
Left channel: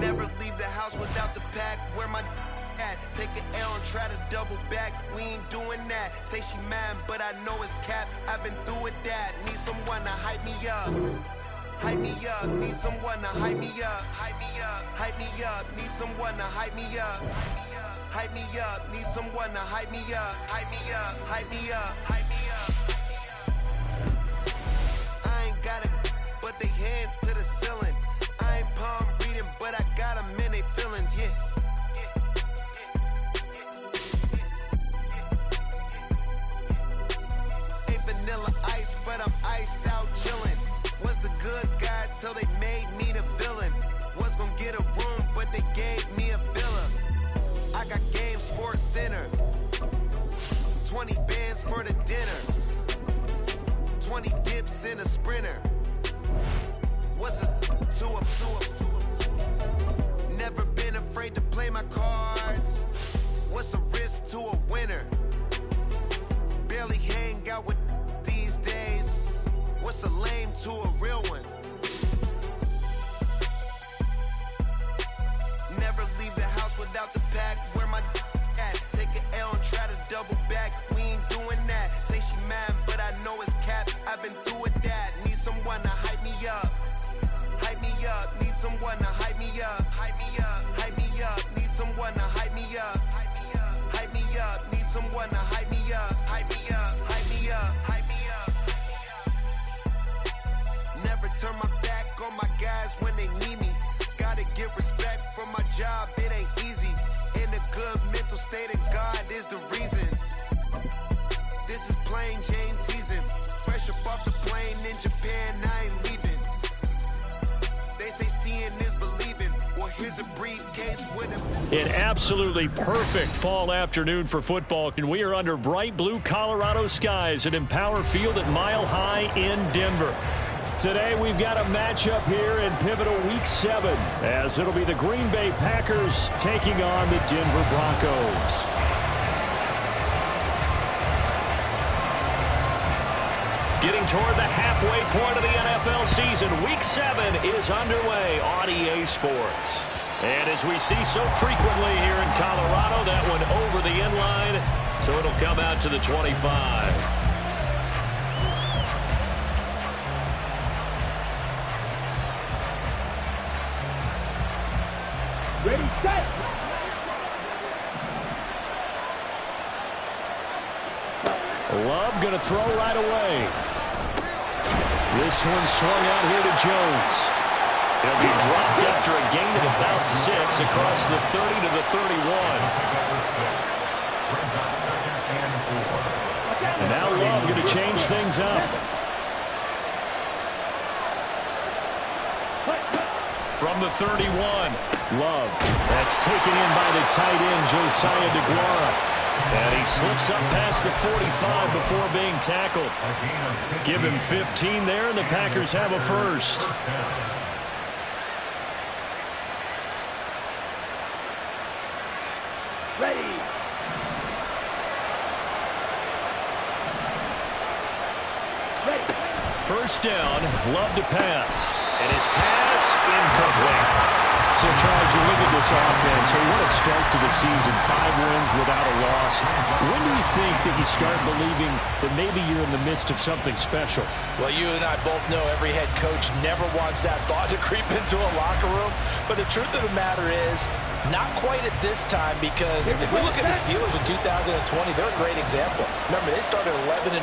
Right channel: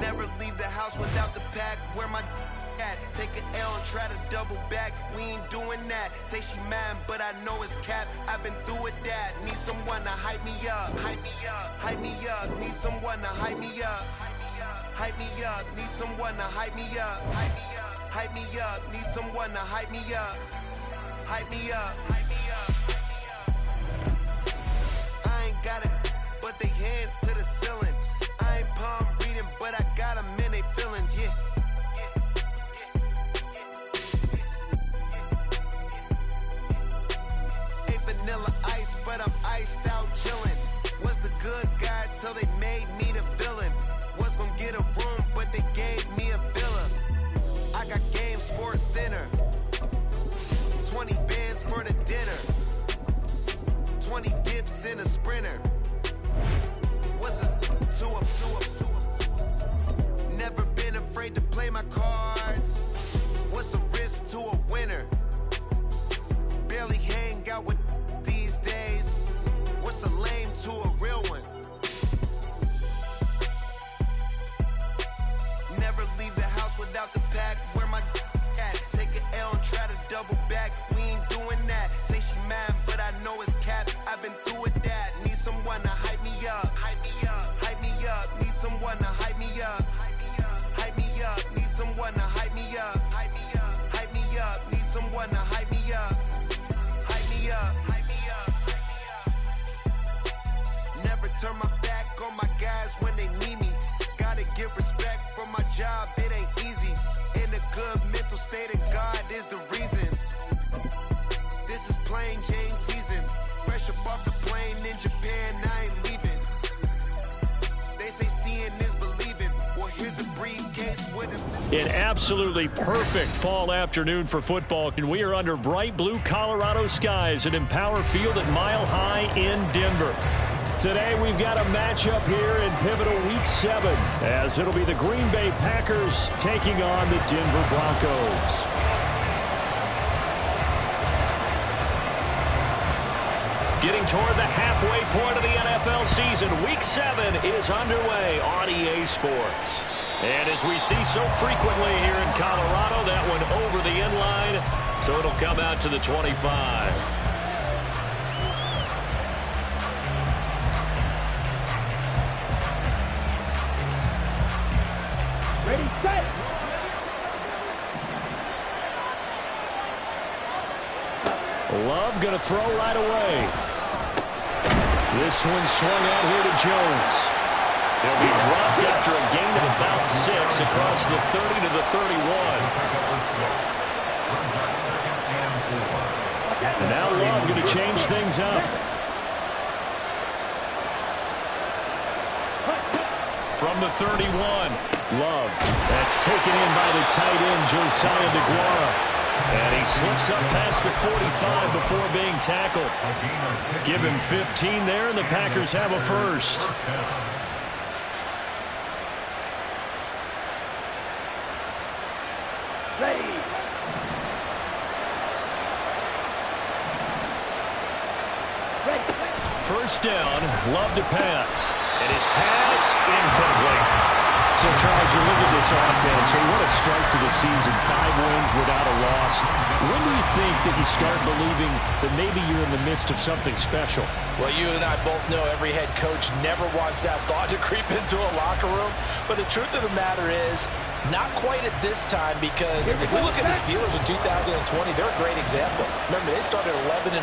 Never leave the house without the pack. Where my at? Take an L and try to double back. We ain't doing that. Say she mad, but I know it's cap. I've been through with that. Need someone to hype me up. Hype me up. Need someone to hype me up. Hype me up. Need someone to hype me up. Hype me up. Need someone to hype me up. Hype me up. I ain't got it, but they hands to the ceiling. I ain't palm reading, but I got them in they feelings, yeah. Ain't vanilla ice, but I'm iced out chillin'. Was the good guy till they made me the villain. Was gonna get a room, but they gave me a villa. I got game, Sports Center. 20 bands for the dinner. race in a sprinter. What's a two up? Never been afraid to play my cards. What's a risk to a winner? Barely hang out with these days. What's a lame to a real one? Never leave the house without the pack. Where my at? Take an L and try to double back. We ain't doing that. Say she mad, but I know it's cap. I've been through with that. Need someone to hype me up. Hype me up. Need someone to hype me up. Hype me up. Need someone to hype me up. Hype me up. Need someone to hype me up. Hype me up. Never turn my back on my guys when they need me. Gotta get respect for my job, it ain't easy. In a good mental state, and God is the reason. This is plain Jane season. Fresh up off the plane in Japan, I ain't leaving. They say seeing is believing. Well, here's a briefcase with a... An absolutely perfect fall afternoon for football. And we are under bright blue Colorado skies at Empower Field at Mile High in Denver. Today we've got a matchup here in pivotal Week 7 as it'll be the Green Bay Packers taking on the Denver Broncos. Getting toward the halfway point of the NFL season, Week 7 is underway on EA Sports. And as we see so frequently here in Colorado, that one over the end line, so it'll come out to the 25. Ready, set. Love going to throw right away. This one swung out here to Jones. He'll be dropped after a gain of about 6 across the 30 to the 31. And now Love going to change things up. From the 31, Love. That's taken in by the tight end, Josiah DeGuara. And he slips up past the 45 before being tackled. Give him 15 there, and the Packers have a first. Ready. First down, Love to pass. And his pass incomplete. So, Charles, you look at this offense, so what a start to the season. 5 wins without a loss. When do you think that you start believing that maybe you're in the midst of something special? Well, you and I both know every head coach never wants that thought to creep into a locker room. But the truth of the matter is, not quite at this time, because if we look at the Steelers in 2020, they're a great example. Remember, they started 11-0,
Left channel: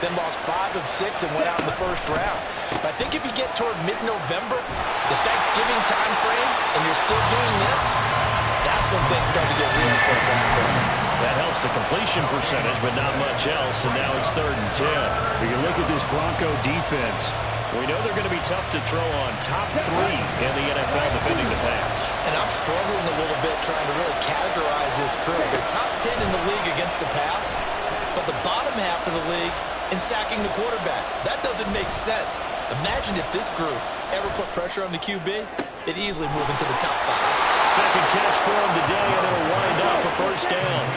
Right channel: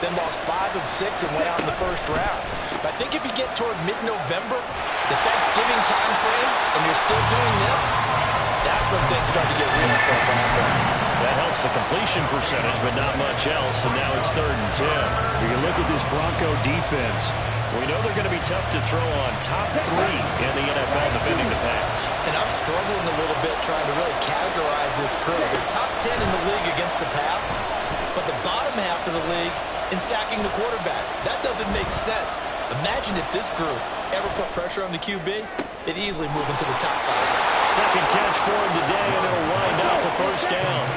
then lost 5 of 6 and went out in the first round. But I think if you get toward mid-November, the Thanksgiving time frame, and you're still doing this, that's when things start to get real for a Bronco. That helps the completion percentage, but not much else, and now it's 3rd and 10. You can look at this Bronco defense. We know they're going to be tough to throw on. Top 3 in the NFL defending the pass. And I'm struggling a little bit trying to really categorize this crew. They're top 10 in the league against the pass, but the bottom half of the league in sacking the quarterback. That doesn't make sense. Imagine if this group ever put pressure on the QB, they'd easily move into the top 5. Second catch for him today, and it'll wind up a first down.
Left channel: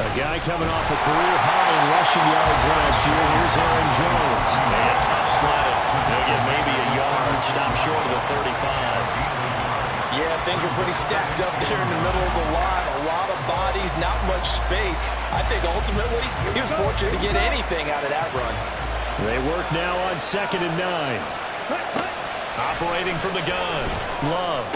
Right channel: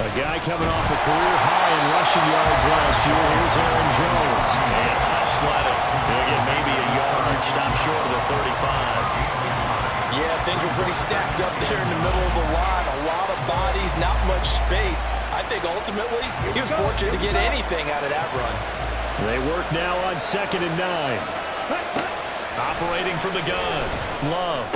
A guy coming off a career high in rushing yards last year. Here's Aaron Jones. And tough sledding. He'll get maybe a yard. Stop short of the 35. Yeah, things were pretty stacked up there in the middle of the line. A lot of bodies, not much space. I think ultimately he was fortunate to get anything out of that run. They work now on 2nd and 9. Operating from the gun. Love.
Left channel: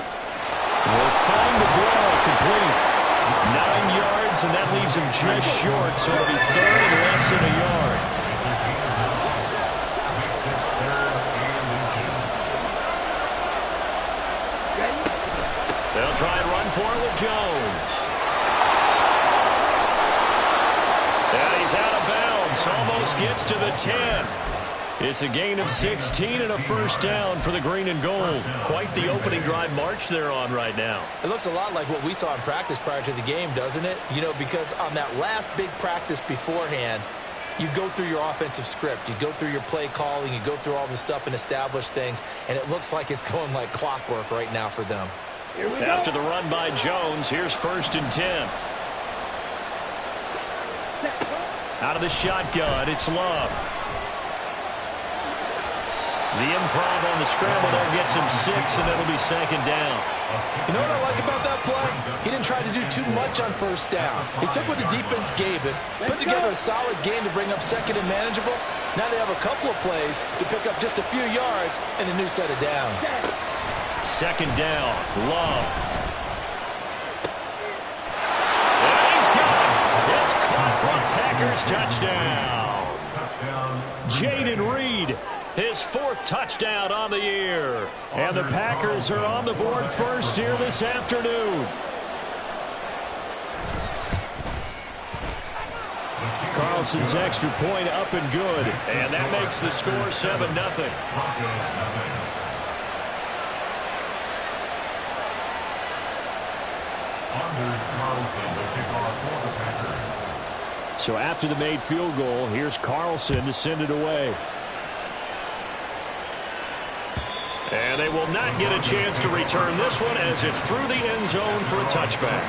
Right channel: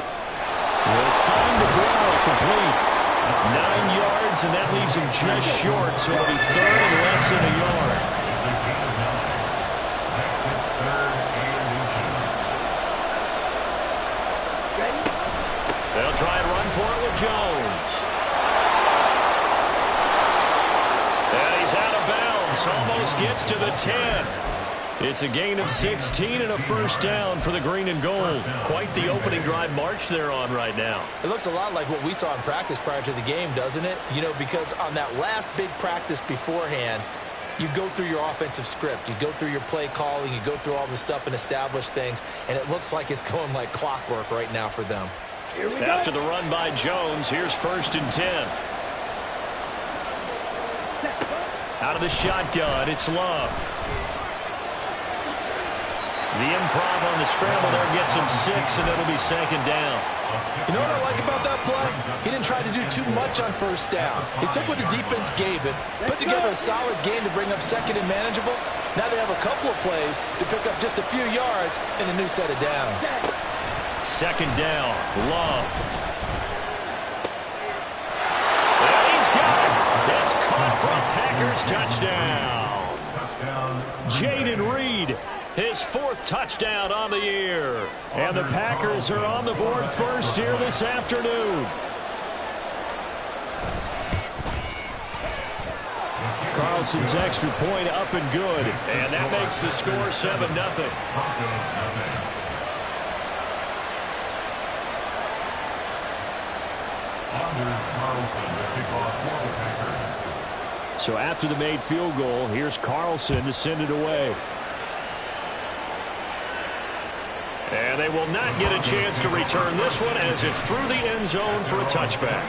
Will find DeGuara complete. 9 yards, and that leaves him just short, so it'll be 3rd and less than a yard. They'll try and run for it with Jones. And he's out of bounds. Almost gets to the 10. It's a gain of 16 and a first down for the green and gold. Quite the opening drive march they're on right now. It looks a lot like what we saw in practice prior to the game, doesn't it? You know, because on that last big practice beforehand, you go through your offensive script. You go through your play calling. You go through all this stuff and establish things. And it looks like it's going like clockwork right now for them. After the run by Jones, here's 1st and 10. Out of the shotgun, it's Love. The improv on the scramble there gets him 6, and it'll be 2nd down. You know what I like about that play? He didn't try to do too much on 1st down. He took what the defense gave him, put together a solid game to bring up 2nd and manageable. Now they have a couple of plays to pick up just a few yards and a new set of downs. 2nd down, Love. And he's got it. It's caught for a Packers touchdown. Jayden Reed, his 4th touchdown on the year. And the Packers are on the board first here this afternoon. Carlson's extra point up and good. And that makes the score 7-0. So after the made field goal, here's Carlson to send it away. And they will not get a chance to return this one as it's through the end zone for a touchback.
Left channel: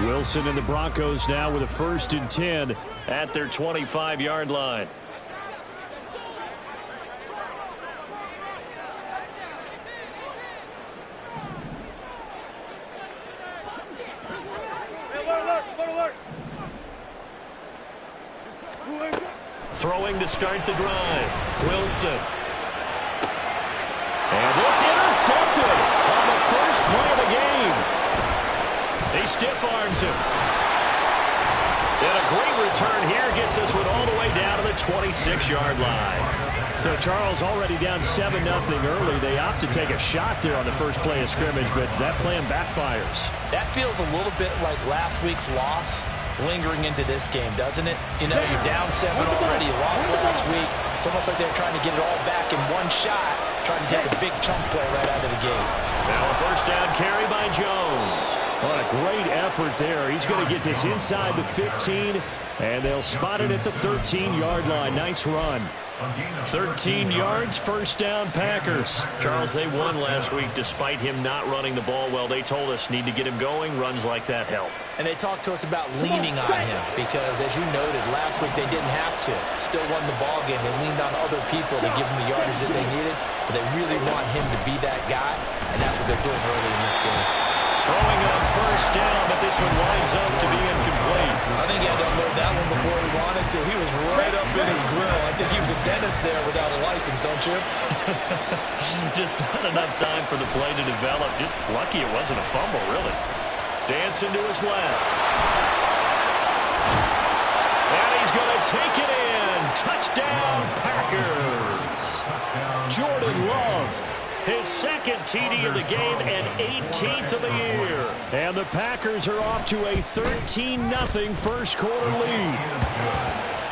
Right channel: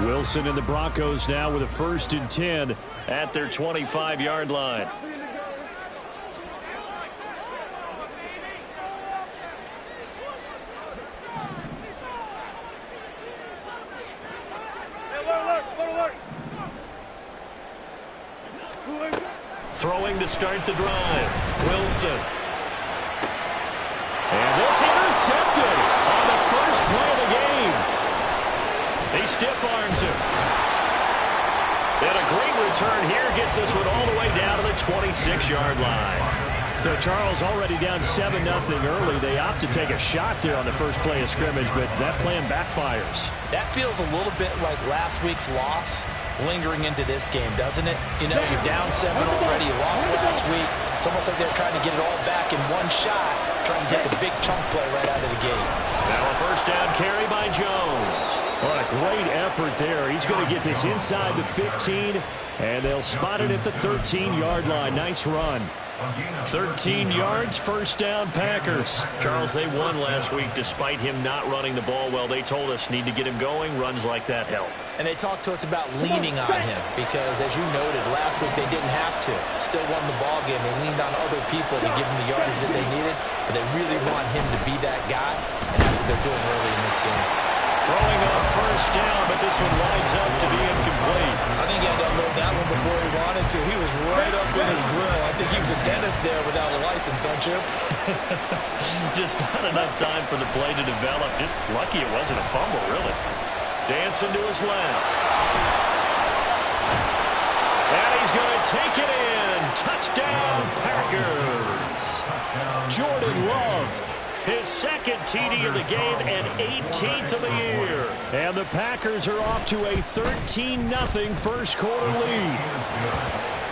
Wilson and the Broncos now with a 1st and 10 at their 25-yard line. Throwing to start the drive. Wilson. And this intercepted on the first play of the game. He stiff-arms him. And a great return here gets this one all the way down to the 26-yard line. So Charles already down 7-0 early. They opt to take a shot there on the first play of scrimmage, but that plan backfires. That feels a little bit like last week's loss lingering into this game, doesn't it? You know, you're down 7 already. You lost last week. It's almost like they're trying to get it all back in one shot, trying to take a big chunk play right out of the gate. Now a 1st down carry by Jones. What a great effort there. He's going to get this inside the 15, and they'll spot it at the 13-yard line. Nice run. 13 yards, 1st down Packers. Charles, they won last week despite him not running the ball well. They told us need to get him going. Runs like that help. And they talked to us about leaning on him because, as you noted, last week they didn't have to. Still won the ball game. They leaned on other people to give them the yardage that they needed, but they really want him to be that guy, and that's what they're doing early in this game. Throwing on 1st down, but this one lines up to be incomplete. I think he had to unload that one before he wanted to. He was right up in his grill. I think he was a dentist there without a license, don't you? Just not enough time for the play to develop. Just lucky it wasn't a fumble, really. Dancing to his left. And he's going to take it in. Touchdown, Packers. Jordan Love. His 2nd TD of the game and 18th of the year. And the Packers are off to a 13-0 first quarter lead.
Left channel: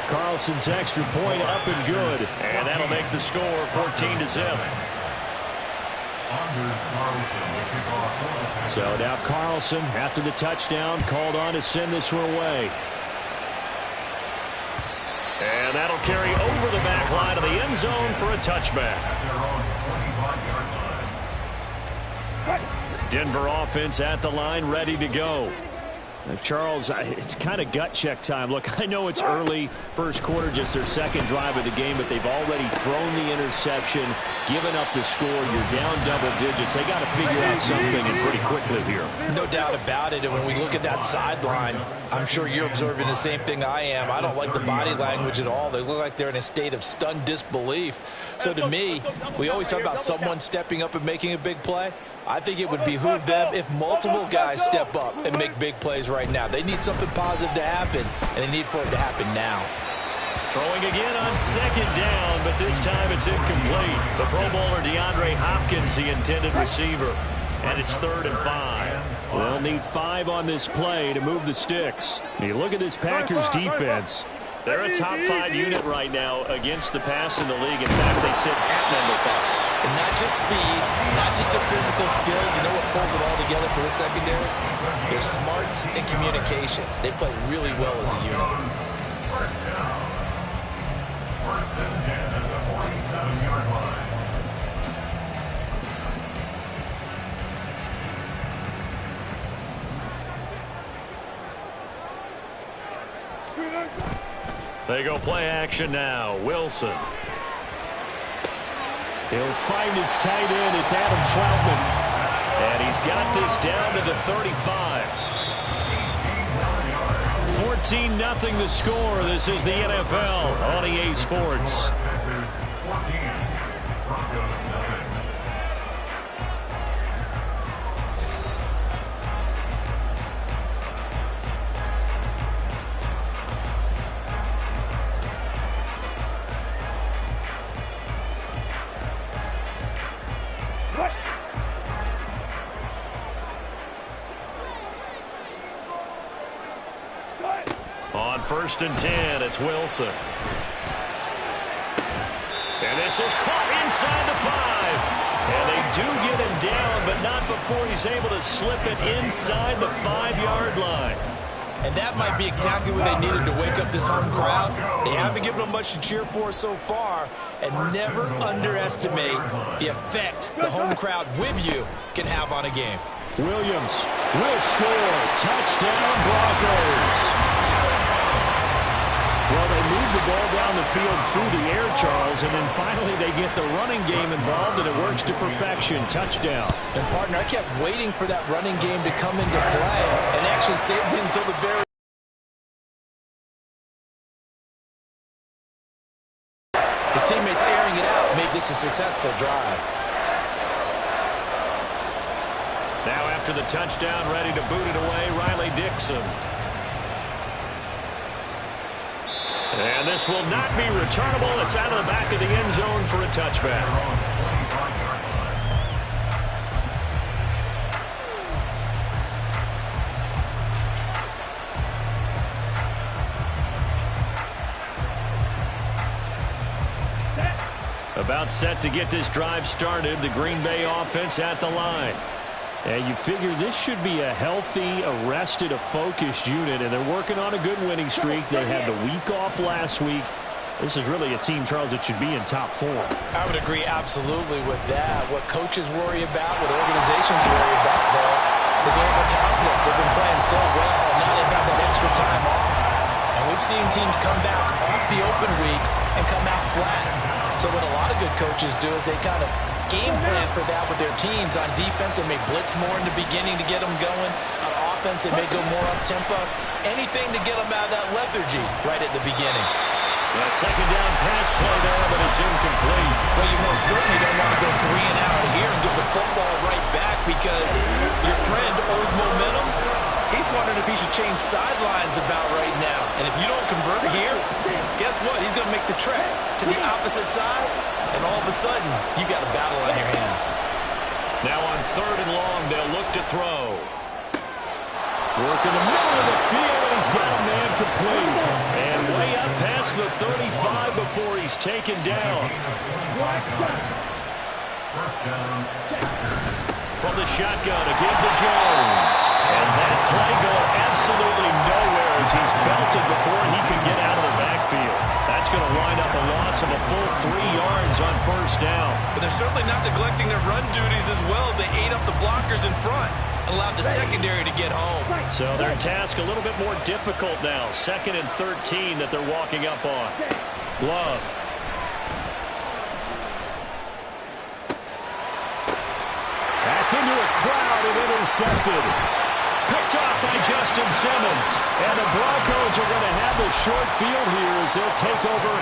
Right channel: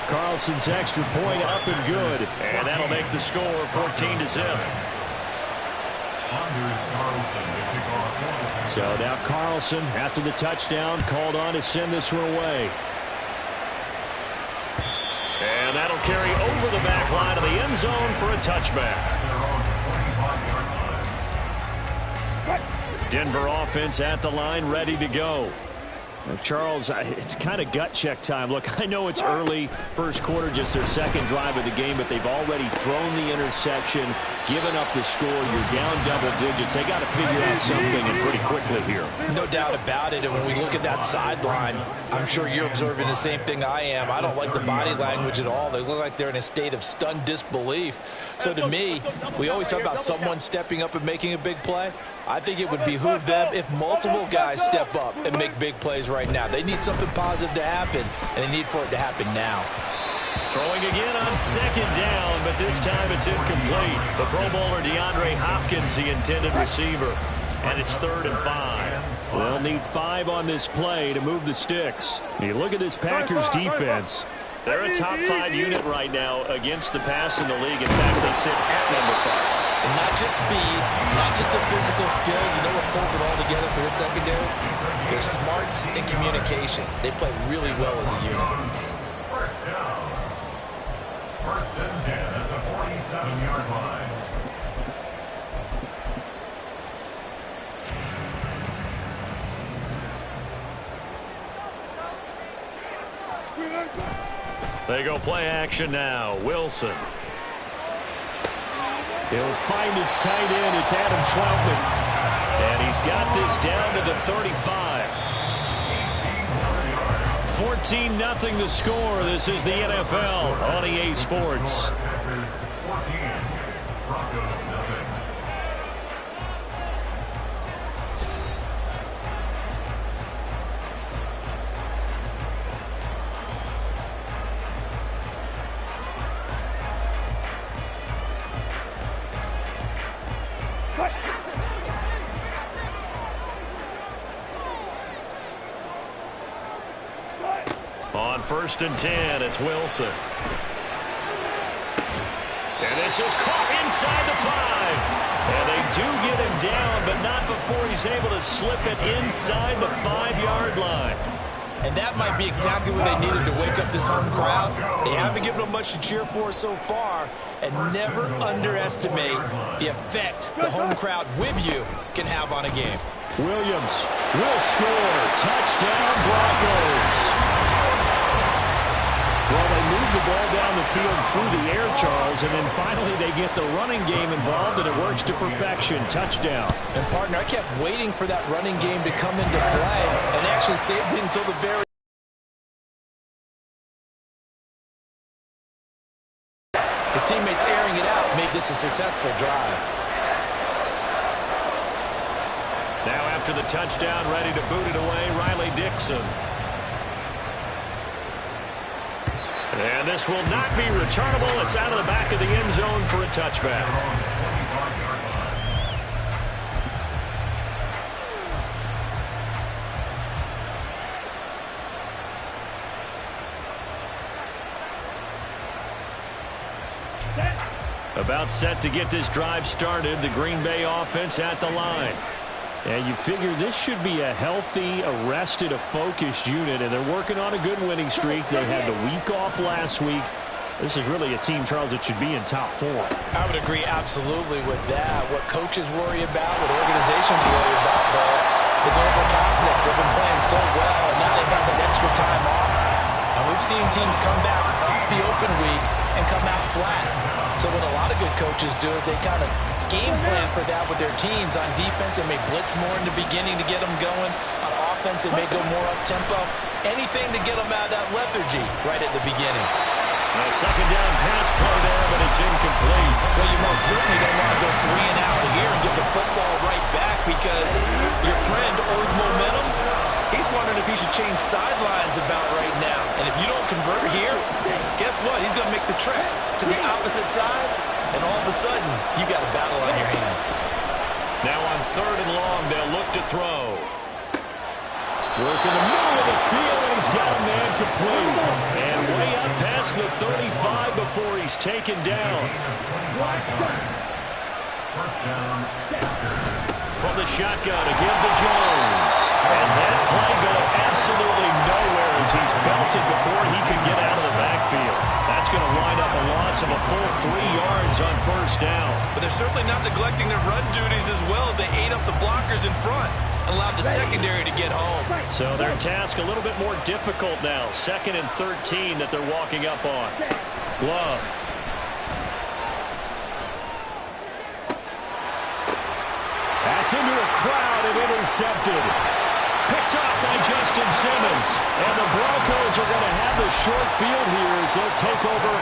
Carlson's extra point up and good. And that'll make the score 14-0. So now Carlson, after the touchdown, called on to send this one away. And that'll carry over the back line of the end zone for a touchback. Denver offense at the line, ready to go. Charles, it's kind of gut check time. Look, I know it's early, first quarter, just their 2nd drive of the game, but they've already thrown the interception, given up the score. You're down double digits. They got to figure out something, and pretty quickly here. No doubt about it. And when we look at that sideline, I'm sure you're observing the same thing I am. I don't like the body language at all. They look like they're in a state of stunned disbelief. So to me, we always talk about someone stepping up and making a big play. I think it would behoove them if multiple guys step up and make big plays right now. They need something positive to happen, and they need for it to happen now. Throwing again on second down, but this time it's incomplete. The Pro Bowler DeAndre Hopkins, the intended receiver. And it's 3rd and 5. They'll need 5 on this play to move the sticks. You look at this Packers defense. They're a top 5 unit right now against the pass in the league. In fact, they sit at number 5. And not just speed, not just their physical skills. You know what pulls it all together for this secondary? Their smarts and communication. They play really well as a unit. First and 10 at the 47-yard line. They go play action now. Wilson. He'll find his tight end. It's Adam Troutman. And he's got this down to the 35. 14-0 the score. This is the NFL on EA Sports. Packers 14, Broncos nothing. On 1st and 10, it's Wilson. And this is caught inside the 5. And they do get him down, but not before he's able to slip it inside the 5-yard line. And that might be exactly what they needed to wake up this home crowd. They haven't given them much to cheer for so far. And never underestimate the effect the home crowd with you can have on a game. Williams will score. Touchdown, Broncos. Well, they move the ball down the field through the air, Charles, and then finally they get the running game involved, and it works to perfection. Touchdown. And, partner, I kept waiting for that running game to come into play and actually saved it until the very his teammates airing it out made this a successful drive. Now after the touchdown, ready to boot it away, Riley Dixon. And this will not be returnable. It's out of the back of the end zone for a touchback. About set to get this drive started. The Green Bay offense at the line. And you figure this should be a healthy, arrested, a focused unit, and they're working on a good winning streak. They had the week off last week. This is really a team, Charles, that should be in top 4. I would agree absolutely with that. What coaches worry about, what organizations worry about, though, is overconfidence. They've been playing so well, and now they've had that extra time off. And we've seen teams come back off the open week and come out flat. So what a lot of good coaches do is they kind of game plan for that with their teams. On defense, they may blitz more in the beginning to get them going. On offense, they may go more up-tempo. Anything to get them out of that lethargy right at the beginning. A second down pass play there, but it's incomplete. Well, you most certainly don't want to go 3 and out here and give the football right back because your friend, Old Momentum, he's wondering if he should change sidelines about right now. And if you don't convert here, guess what? He's going to make the trek to the opposite side, and all of a sudden, you got a battle on your hands. Now on 3rd and long, they'll look to throw. Work in the middle of the field, and he's got a man complete. And way up past the 35 before he's taken down. First down. From the shotgun to give to Jones. And that play going absolutely nowhere as he's belted before he could get out of the backfield. That's going to wind up a loss of a full 3 yards on 1st down. But they're certainly not neglecting their run duties as well as they ate up the blockers in front and allowed the secondary to get home. So their task a little bit more difficult now. 2nd and 13 that they're walking up on. Love. That's into a crowd and intercepted. Picked off by Justin Simmons. And the Broncos are going to have the short field here as they'll take over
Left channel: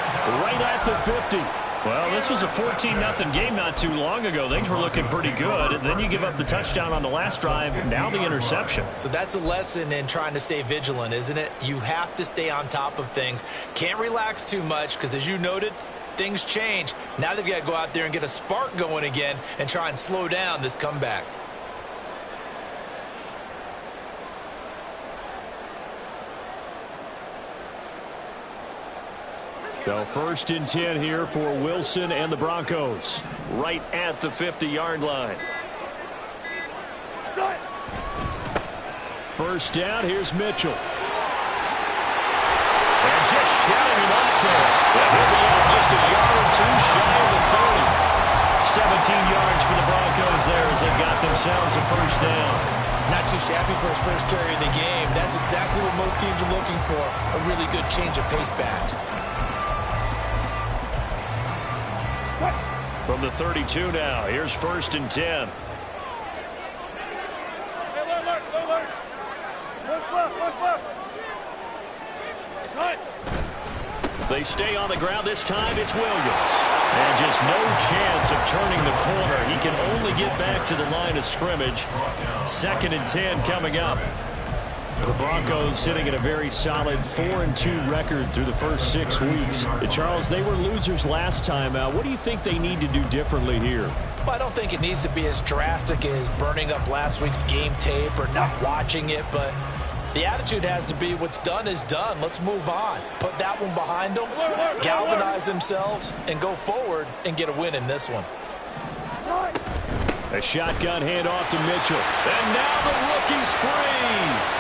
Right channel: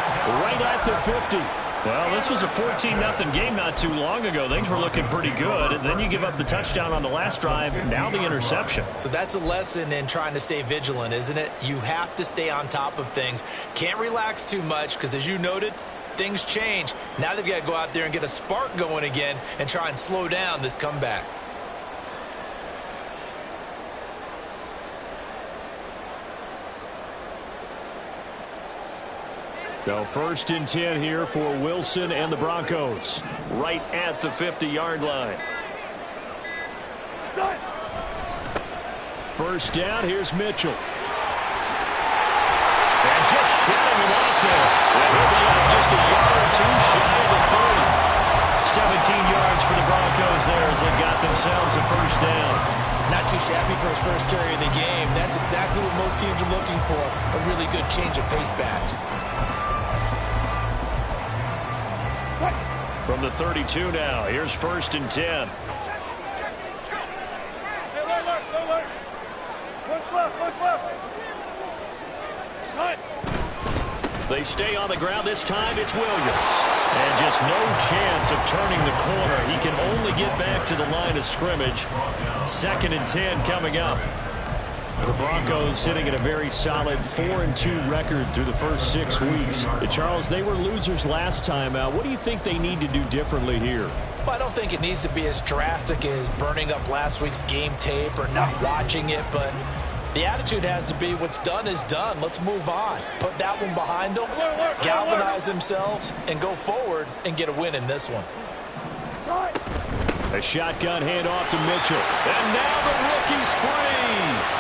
right at the 50. Well, this was a 14-0 game not too long ago. Things were looking pretty good. And then you give up the touchdown on the last drive. Now the interception. So that's a lesson in trying to stay vigilant, isn't it? You have to stay on top of things. Can't relax too much because, as you noted, things change. Now they've got to go out there and get a spark going again and try and slow down this comeback. So 1st and 10 here for Wilson and the Broncos. Right at the 50-yard line. First down, here's Mitchell. And just shutting him off there. And he'll be out just a yard or two shy of the 30. 17 yards for the Broncos there as they got themselves a first down. Not too shabby for his first carry of the game. That's exactly what most teams are looking for. A really good change of pace back. From the 32 now, here's 1st and 10. Hey, look. Look left. Cut. They stay on the ground. This time it's Williams. And just no chance of turning the corner. He can only get back to the line of scrimmage. 2nd and 10 coming up. The Broncos sitting at a very solid 4-2 record through the first 6 weeks. Charles, they were losers last time out. What do you think they need to do differently here? Well, I don't think it needs to be as drastic as burning up last week's game tape or not watching it, but the attitude has to be what's done is done. Let's move on. Put that one behind them, galvanize themselves, and go forward and get a win in this one. A shotgun handoff to Mitchell. And now the rookie's free.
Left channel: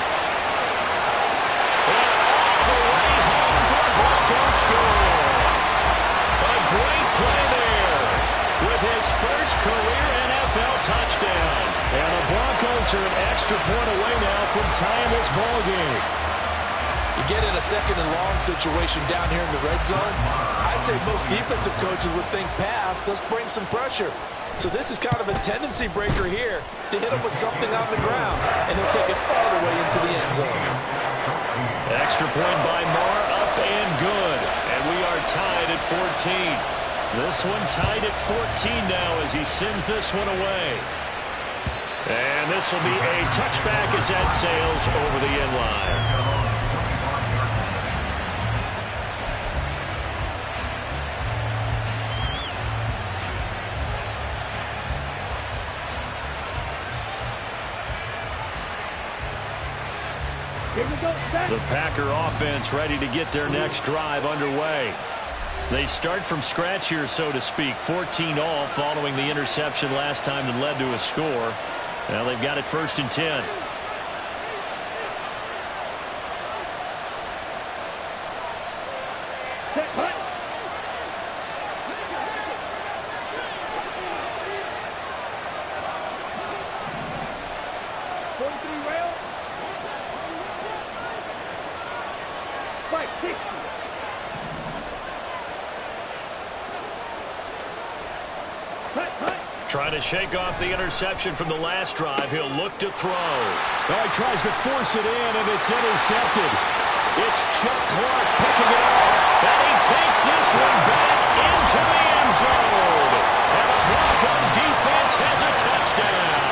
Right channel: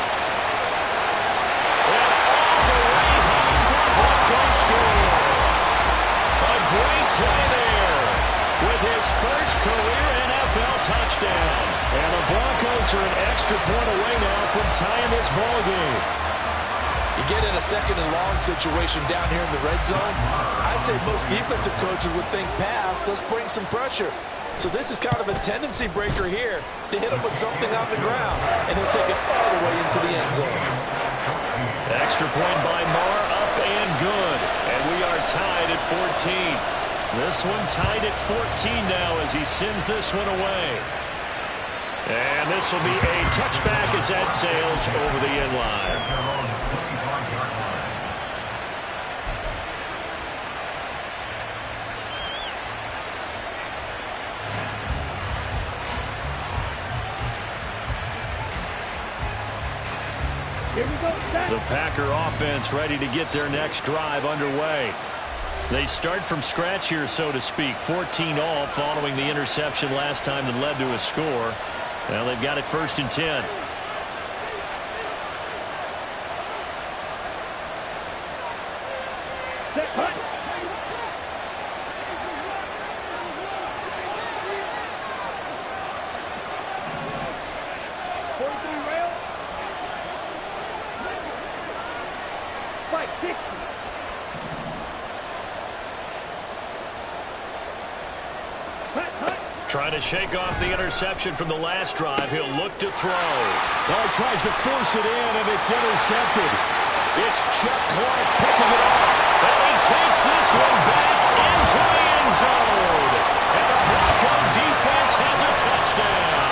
And all the way home for a Broncos score. A great play there with his first career NFL touchdown. And the Broncos are an extra point away now from tying this ball game. You get in a 2nd and long situation down here in the red zone, I'd say most defensive coaches would think pass. Let's bring some pressure. So this is kind of a tendency breaker here to hit him with something on the ground, and he'll take it all the way into the end zone. Extra point by Marr, up and good. And we are tied at 14. This one tied at 14 now as he sends this one away. And this will be a touchback as that sails over the end line. Here we go, set. The Packer offense ready to get their next drive underway. They start from scratch here, so to speak. 14-all following the interception last time that led to a score. Now they've got it 1st and 10. Set, cut. Rail. 560. Trying to shake off the interception from the last drive. He'll look to throw. Oh, he tries to force it in, and it's intercepted. It's Chuck Clark picking it off. And he takes this one back into the end zone. And the Bronco defense has a touchdown.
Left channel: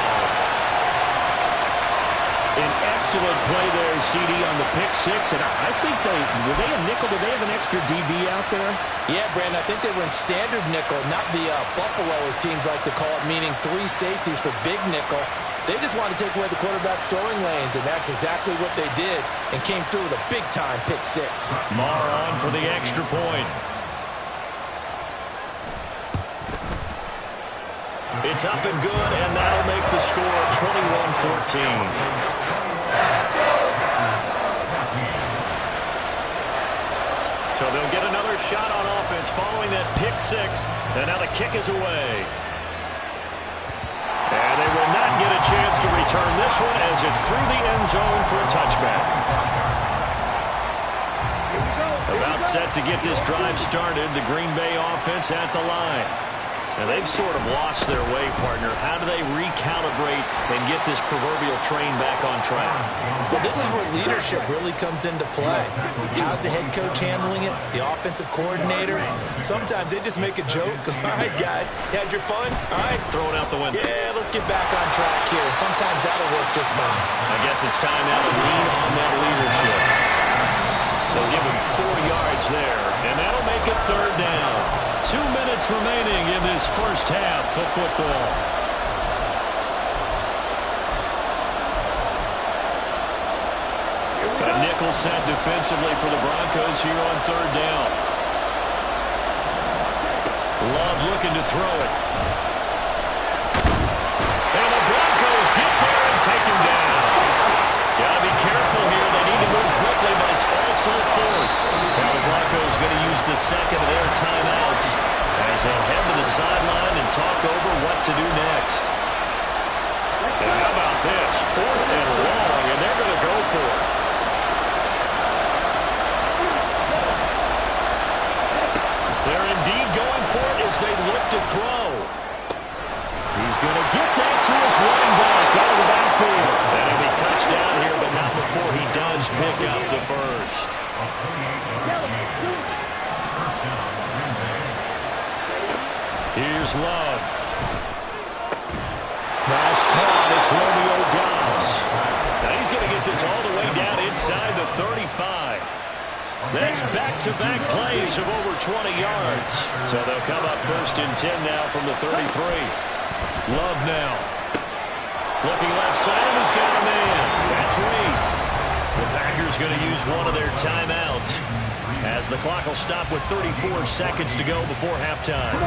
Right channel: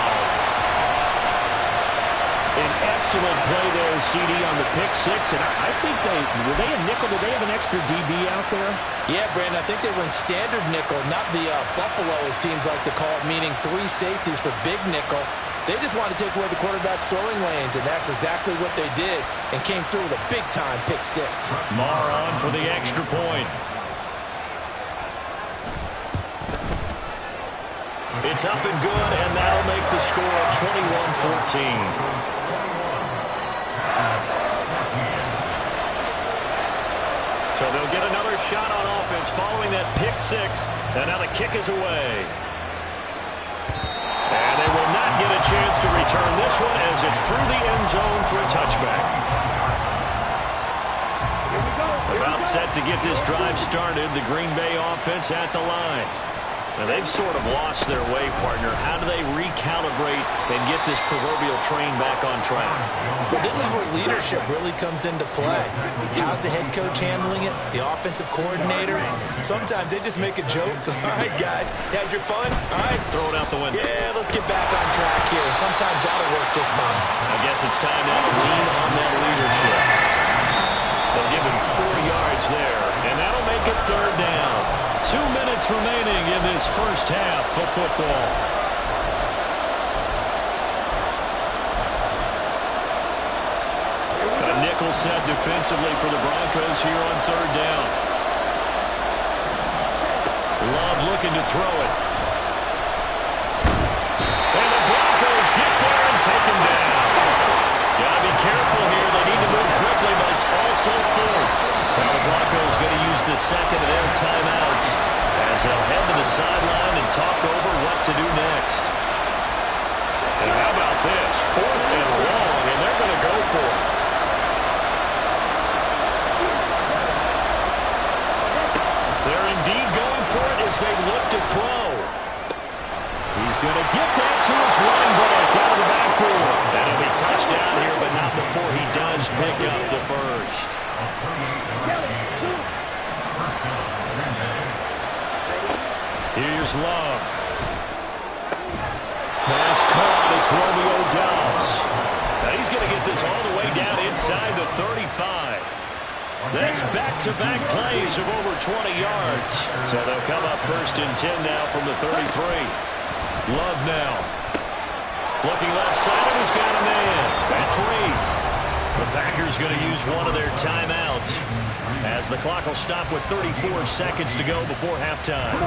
An excellent play there, CD, on the pick six. And I think were they a nickel? Did they have an extra DB out there? Yeah, Brandon, I think they were in standard nickel, not the Buffalo, as teams like to call it, meaning 3 safeties for big nickel. They just wanted to take away the quarterback's throwing lanes, and that's exactly what they did and came through with a big-time pick six. Marr on for the extra point. It's up and good, and that'll make the score 21-14. So they'll get another shot on offense following that pick six, and now the kick is away. And they will not get a chance to return this one as it's through the end zone for a touchback. Here we go. About set to get this drive started, the Green Bay offense at the line. Now, they've sort of lost their way, partner. How do they recalibrate and get this proverbial train back on track? Well, this is where leadership really comes into play. How's the head coach handling it? The offensive coordinator? Sometimes they just make a joke. All right, guys, you had your fun? All right. Throw it out the window. Yeah, let's get back on track here. And sometimes that'll work just fine. I guess it's time now to lean on that leadership. They'll give him 4 yards there, and that'll make it third down. 2 minutes remaining in this first half of football. A nickel set defensively for the Broncos here on third down. Love looking to throw it. And the Broncos get there and take him down. Got to be careful here. They need to move quickly, but it's also fourth. Now the Broncos going to use the second of their timeouts as they'll head to the sideline and talk over what to do next. And how about this? 4th and long, and they're going to go for it. They're indeed going for it as they look to throw. He's going to get that to his running back out of the backfield. And he'll be touchdown here, but not before he does pick up the first. Here's Love. Pass caught. It's Romeo Doubs. Now he's going to get this all the way down inside the 35. That's back-to-back plays of over 20 yards. So they'll come up 1st and 10 now from the 33. Love now. Looking left side, and he's got a man. That's Reed. The Packers going to use one of their timeouts as the clock will stop with 34 seconds to go before halftime.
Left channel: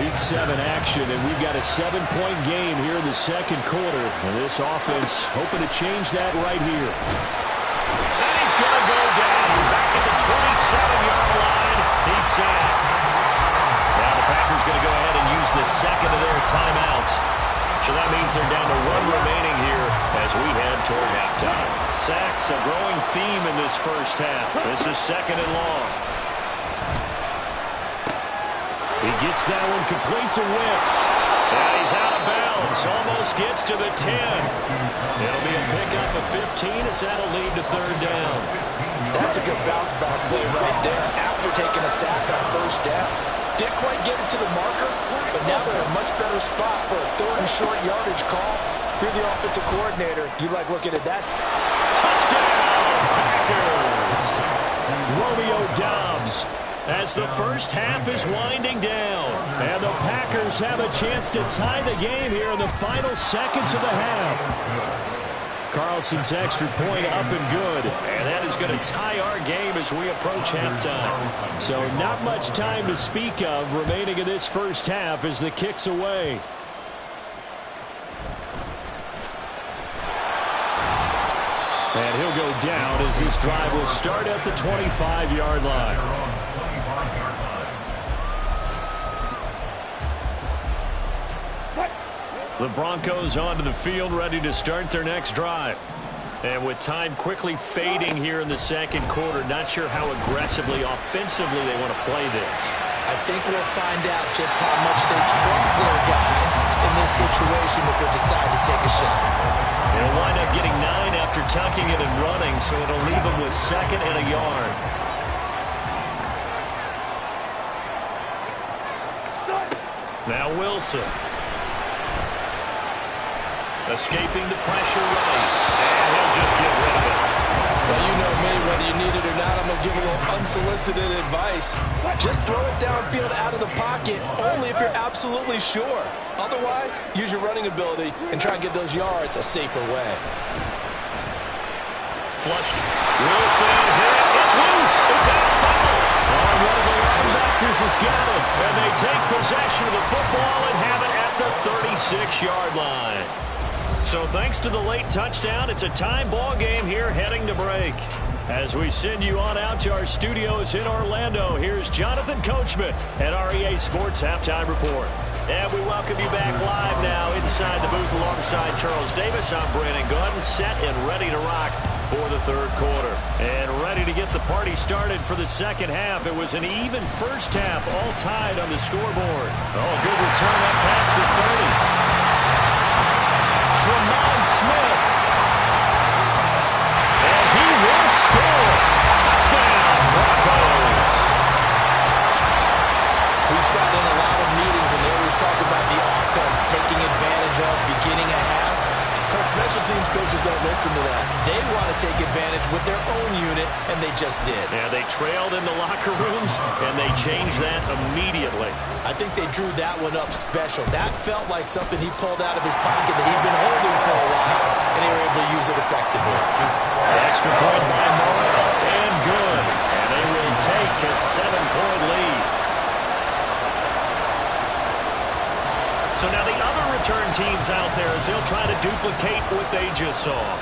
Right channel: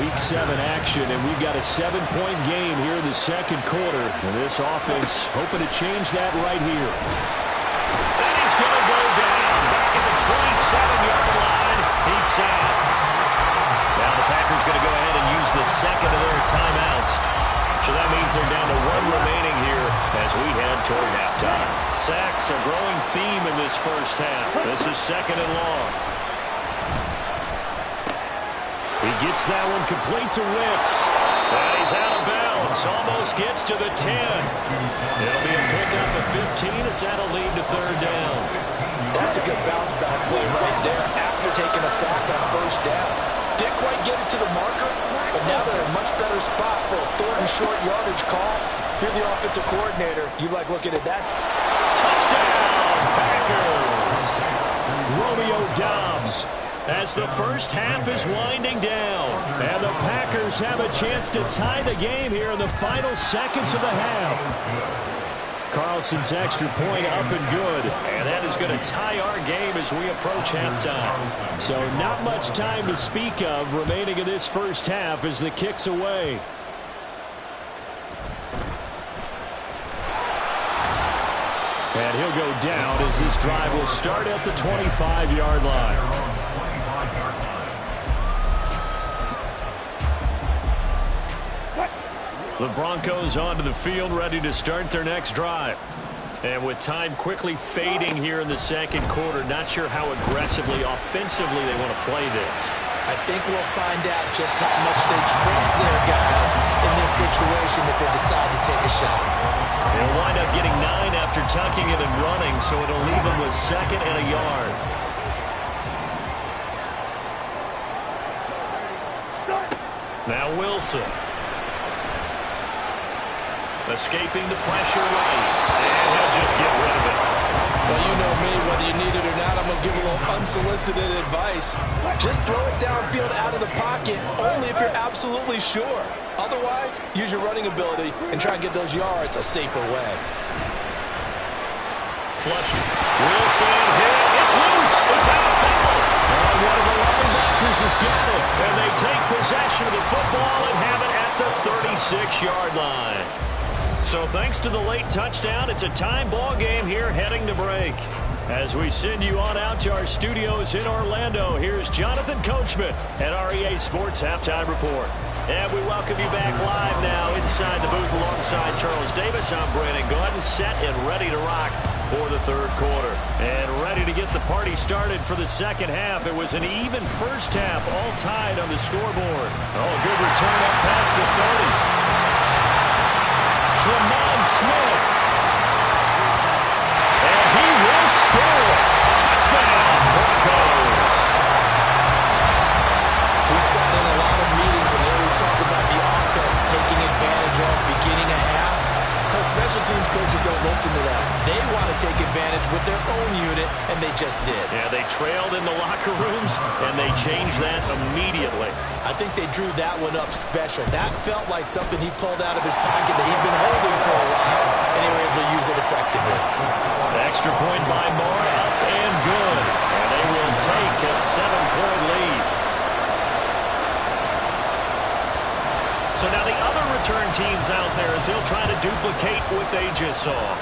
Week 7 action, and we've got a 7-point game here in the second quarter. And this offense hoping to change that right here. And he's going to go down back at the 27-yard line. He's sacked. Now the Packers going to go ahead and use the second of their timeouts. So that means they're down to 1 remaining here as we head toward halftime. Sacks, a growing theme in this first half. This is 2nd and long. He gets that one complete to Wicks. And he's out of bounds. Almost gets to the 10. It'll be a pickup of 15 as that'll lead to third down. That's a good bounce-back play right there after taking a sack on 1st down. Didn't quite get it to the marker, but now they're in a much better spot for a 3rd and short yardage call. If you're the offensive coordinator, you like looking at that. Touchdown, Packers! Romeo Doubs as the first half is winding down. And the Packers have a chance to tie the game here in the final seconds of the half. Carlson's extra point up and good. And that is going to tie our game as we approach halftime. So not much time to speak of remaining in this first half as the kick's away. And he'll go down as this drive will start at the 25-yard line. The Broncos onto the field ready to start their next drive. And with time quickly fading here in the second quarter, not sure how aggressively, offensively they want to play this. I think we'll find out just how much they trust their guys in this situation if they decide to take a shot. They'll wind up getting 9 after tucking it and running, so it'll leave them with 2nd and a yard. Now Wilson. Escaping the pressure right. And he'll just get rid of it. Well, you know me, whether you need it or not, I'm going to give a little unsolicited advice. Just throw it downfield out of the pocket, only if you're absolutely sure. Otherwise, use your running ability and try and get those yards a safer way. Flushed. Wilson hit. It's loose. It's out. Foul. And one of the linebackers has got it. And they take possession of the football and have it at the 36-yard line. So thanks to the late touchdown, it's a time ball game here heading to break. As we send you on out to our studios in Orlando, here's Jonathan Coachman at REA Sports Halftime Report. And we welcome you back live now inside the booth alongside Charles Davis. I'm Brandon Gaudin, set and ready to rock for the third quarter. And ready to get the party started for the second half. It was an even first half, all tied on the scoreboard. Oh, good return up past the 30. Tremont Smith. And he will score. Touchdown, Broncos. We've sat in a lot of meetings, and they always talk about the offense taking advantage of beginning a half. Because special teams coaches don't listen to that. They want to take advantage with their own unit, and they just did. Yeah, they trailed in the locker rooms, and they changed that immediately. I think they drew that one up special. That felt like something he pulled out of his pocket that he'd been holding for a while, and they were able to use it effectively. The extra point by Moore, up and good. And they will take a 7-point lead. So now the other return teams out there as they'll try to duplicate what they just saw.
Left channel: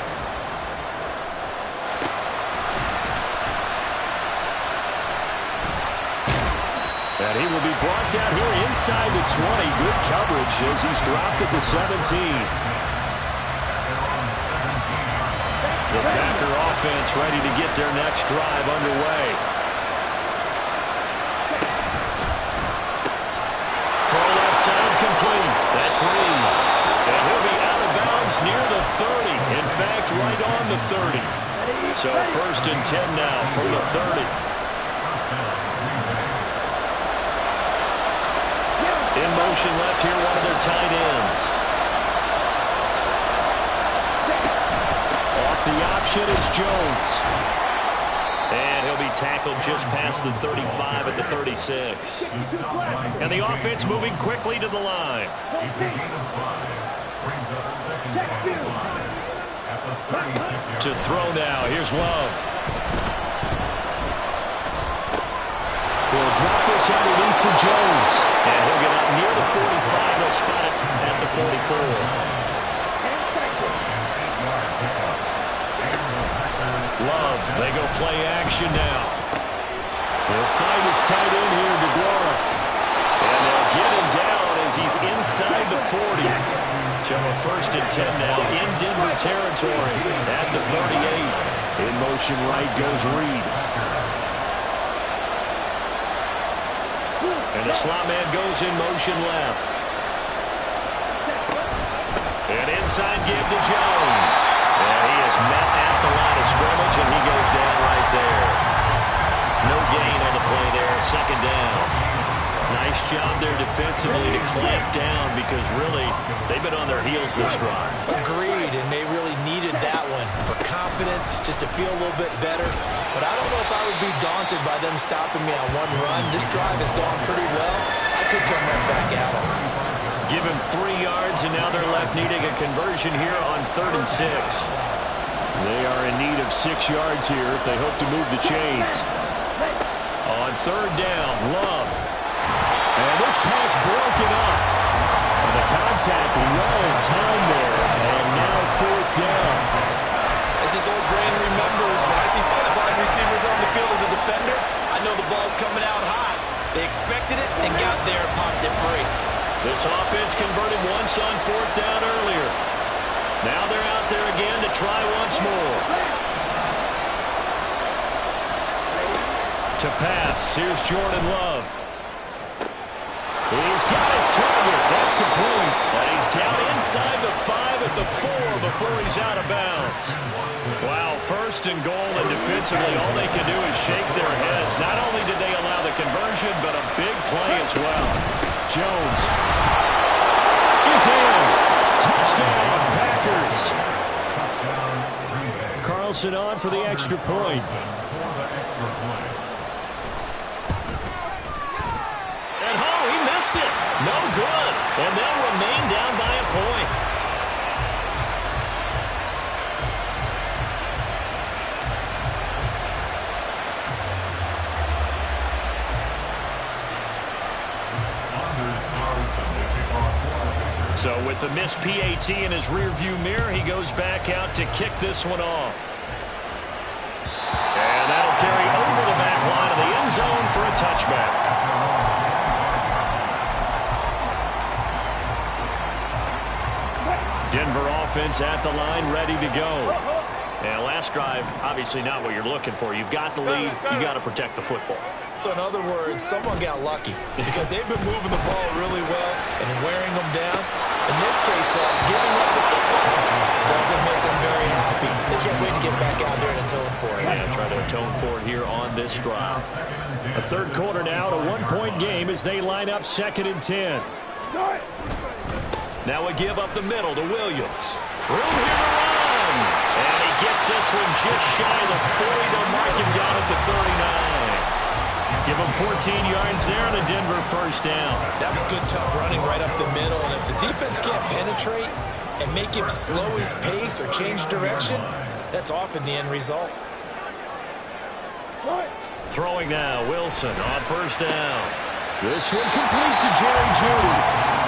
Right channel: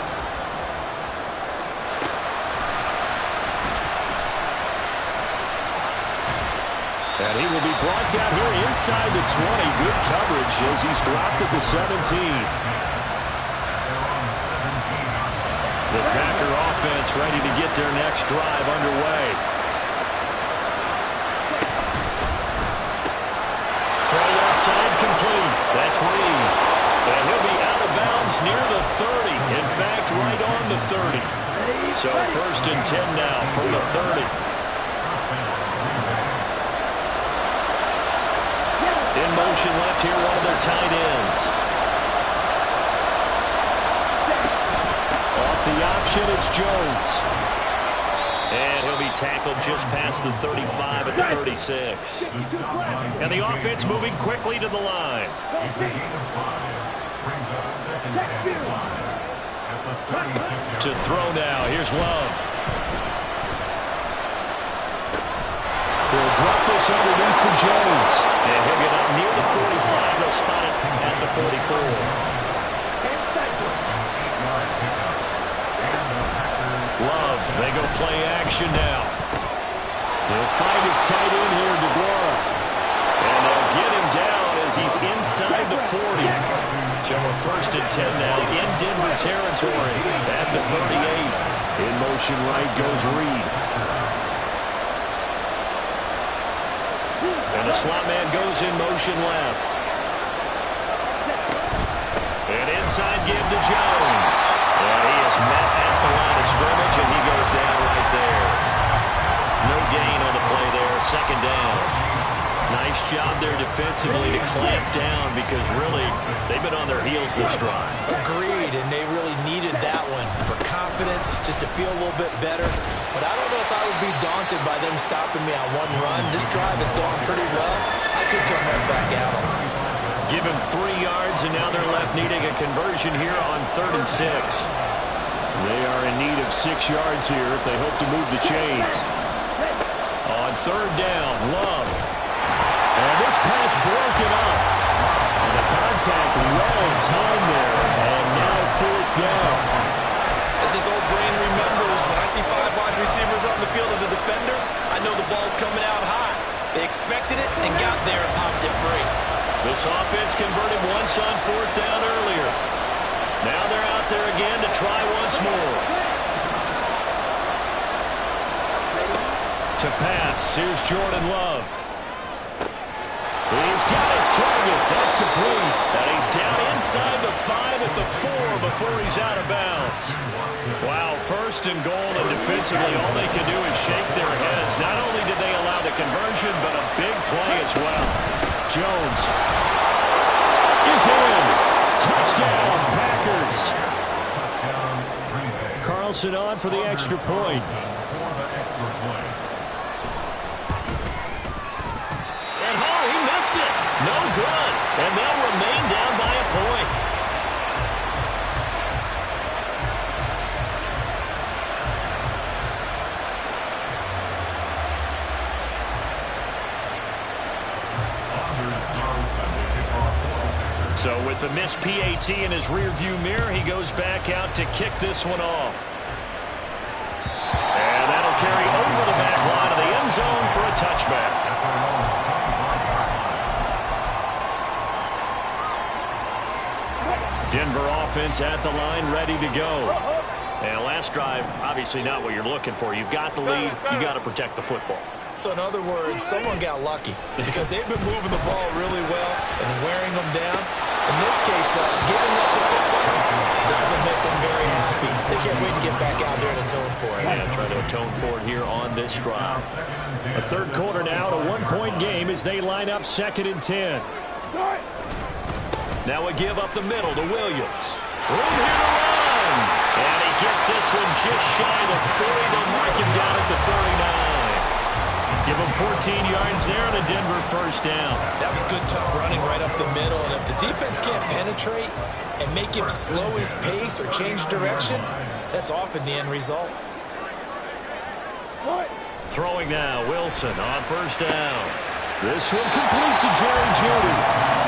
And he will be brought down here inside the 20. Good coverage as he's dropped at the 17. The Packer offense ready to get their next drive underway. Throw left side complete. That's Reed. And he'll be out of bounds near the 30. In fact, right on the 30. So 1st and 10 now from the 30. In motion left here, one of their tight ends. Off the option, it's Jones. And he'll be tackled just past the 35 at the 36. And the offense moving quickly to the line. To throw now, here's Love. He'll drop this underneath for Jones. And he'll get up near the 45. They'll spot it at the 44. Love, they go play action now. He'll find his tight end here, DeGuara. And they'll get him down as he's inside the 40. So a 1st and 10 now in Denver territory at the 38. In motion right goes Reed. And the slot man goes in motion left. And inside give to Jones. And he is met at the line of scrimmage, and he goes down right there. No gain on the play there. 2nd down. Nice job there defensively to clamp down because really they've been on their heels this drive. Agreed, and they really needed that one for confidence, just to feel a little bit better. But I don't know if I would be daunted by them stopping me on one run. This drive has gone pretty well. I could come right back at them. Give him 3 yards, and now they're left needing a conversion here on 3rd and 6. They are in need of 6 yards here if they hope to move the chains. On 3rd down, Love. And this pass broken up. And the contact well timed there. And now 4th down. As this old brain remembers, when I see 5 wide receivers on the field as a defender, I know the ball's coming out hot. They expected it and got there and popped it free. This offense converted once on 4th down earlier. Now they're out there again to try once more. To pass, here's Jordan Love. He's got his target. That's complete. And he's down inside the 5 at the 4 before he's out of bounds. Wow, 1st and goal, and defensively all they can do is shake their heads. Not only did they allow the conversion, but a big play as well. Jones is in. Touchdown, Packers. Carlson on for the extra point. And he missed it. No good. And they'll remain down by a point. So with the missed PAT in his rearview mirror, he goes back out to kick this one off. And that'll carry over the back line of the end zone for a touchback. Denver offense at the line, ready to go. And last last drive, obviously not what you're looking for. You've got the lead. You got to protect the football. So in other words, someone got lucky because they've been moving the ball really well and wearing them down. In this case, though, giving up the football doesn't make them very happy. They can't wait to get back out there and atone for it. Yeah, try to atone for it here on this drive. A third quarter now, a one-point game as they line up 2nd and 10. Now a give up the middle to Williams. Room here to run. And he gets this one just shy of the 40. They'll mark him down at the 39. Give him 14 yards there and a Denver first down. That was good, tough running right up the middle. And if the defense can't penetrate and make him slow his pace or change direction, that's often the end result. Throwing now, Wilson on first down. This one complete to Jerry Jeudy.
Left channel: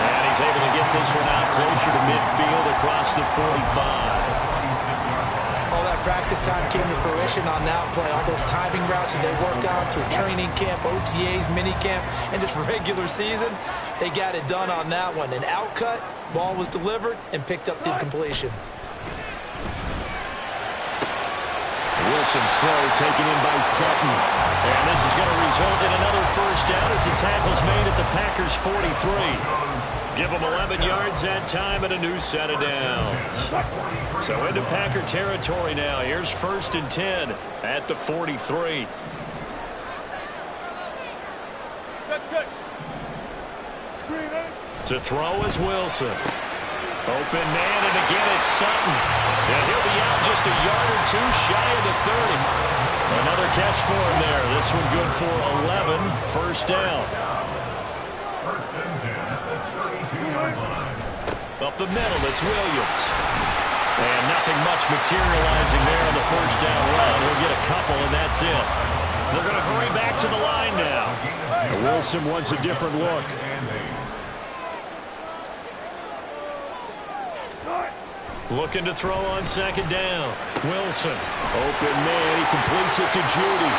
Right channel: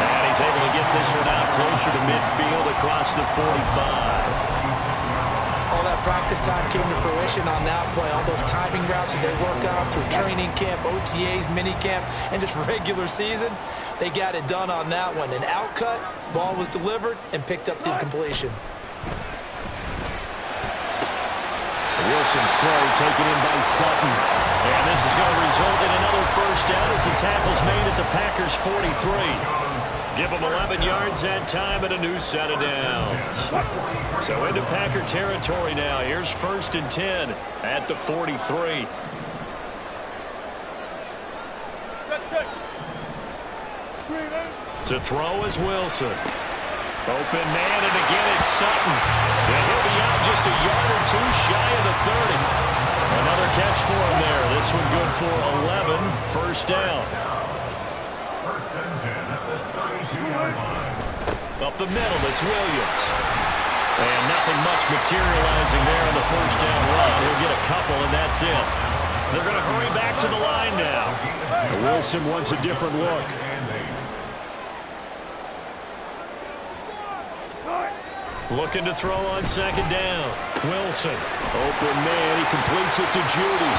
And he's able to get this one out closer to midfield across the 45. All that practice time came to fruition on that play. All those timing routes that they work on through training camp, OTAs, minicamp, and just regular season, they got it done on that one. An outcut, ball was delivered, and picked up the completion. Wilson's throw taken in by Sutton. And this is going to result in another first down as the tackle's made at the Packers' 43. Give them 11 yards that time and a new set of downs. So into Packer territory now. Here's 1st and 10 at the 43. To throw is Wilson. Open man, and again it's Sutton. And he'll be out just a yard or two shy of the 30. Another catch for him there. This one good for 11. First down. 1st and 10 at the 32-yard line. Up the middle, it's Williams. And nothing much materializing there on the first down run. He'll get a couple, and that's it. They're going to hurry back to the line now. Wilson wants a different look. Looking to throw on 2nd down. Wilson. Open man. He completes it to Jeudy.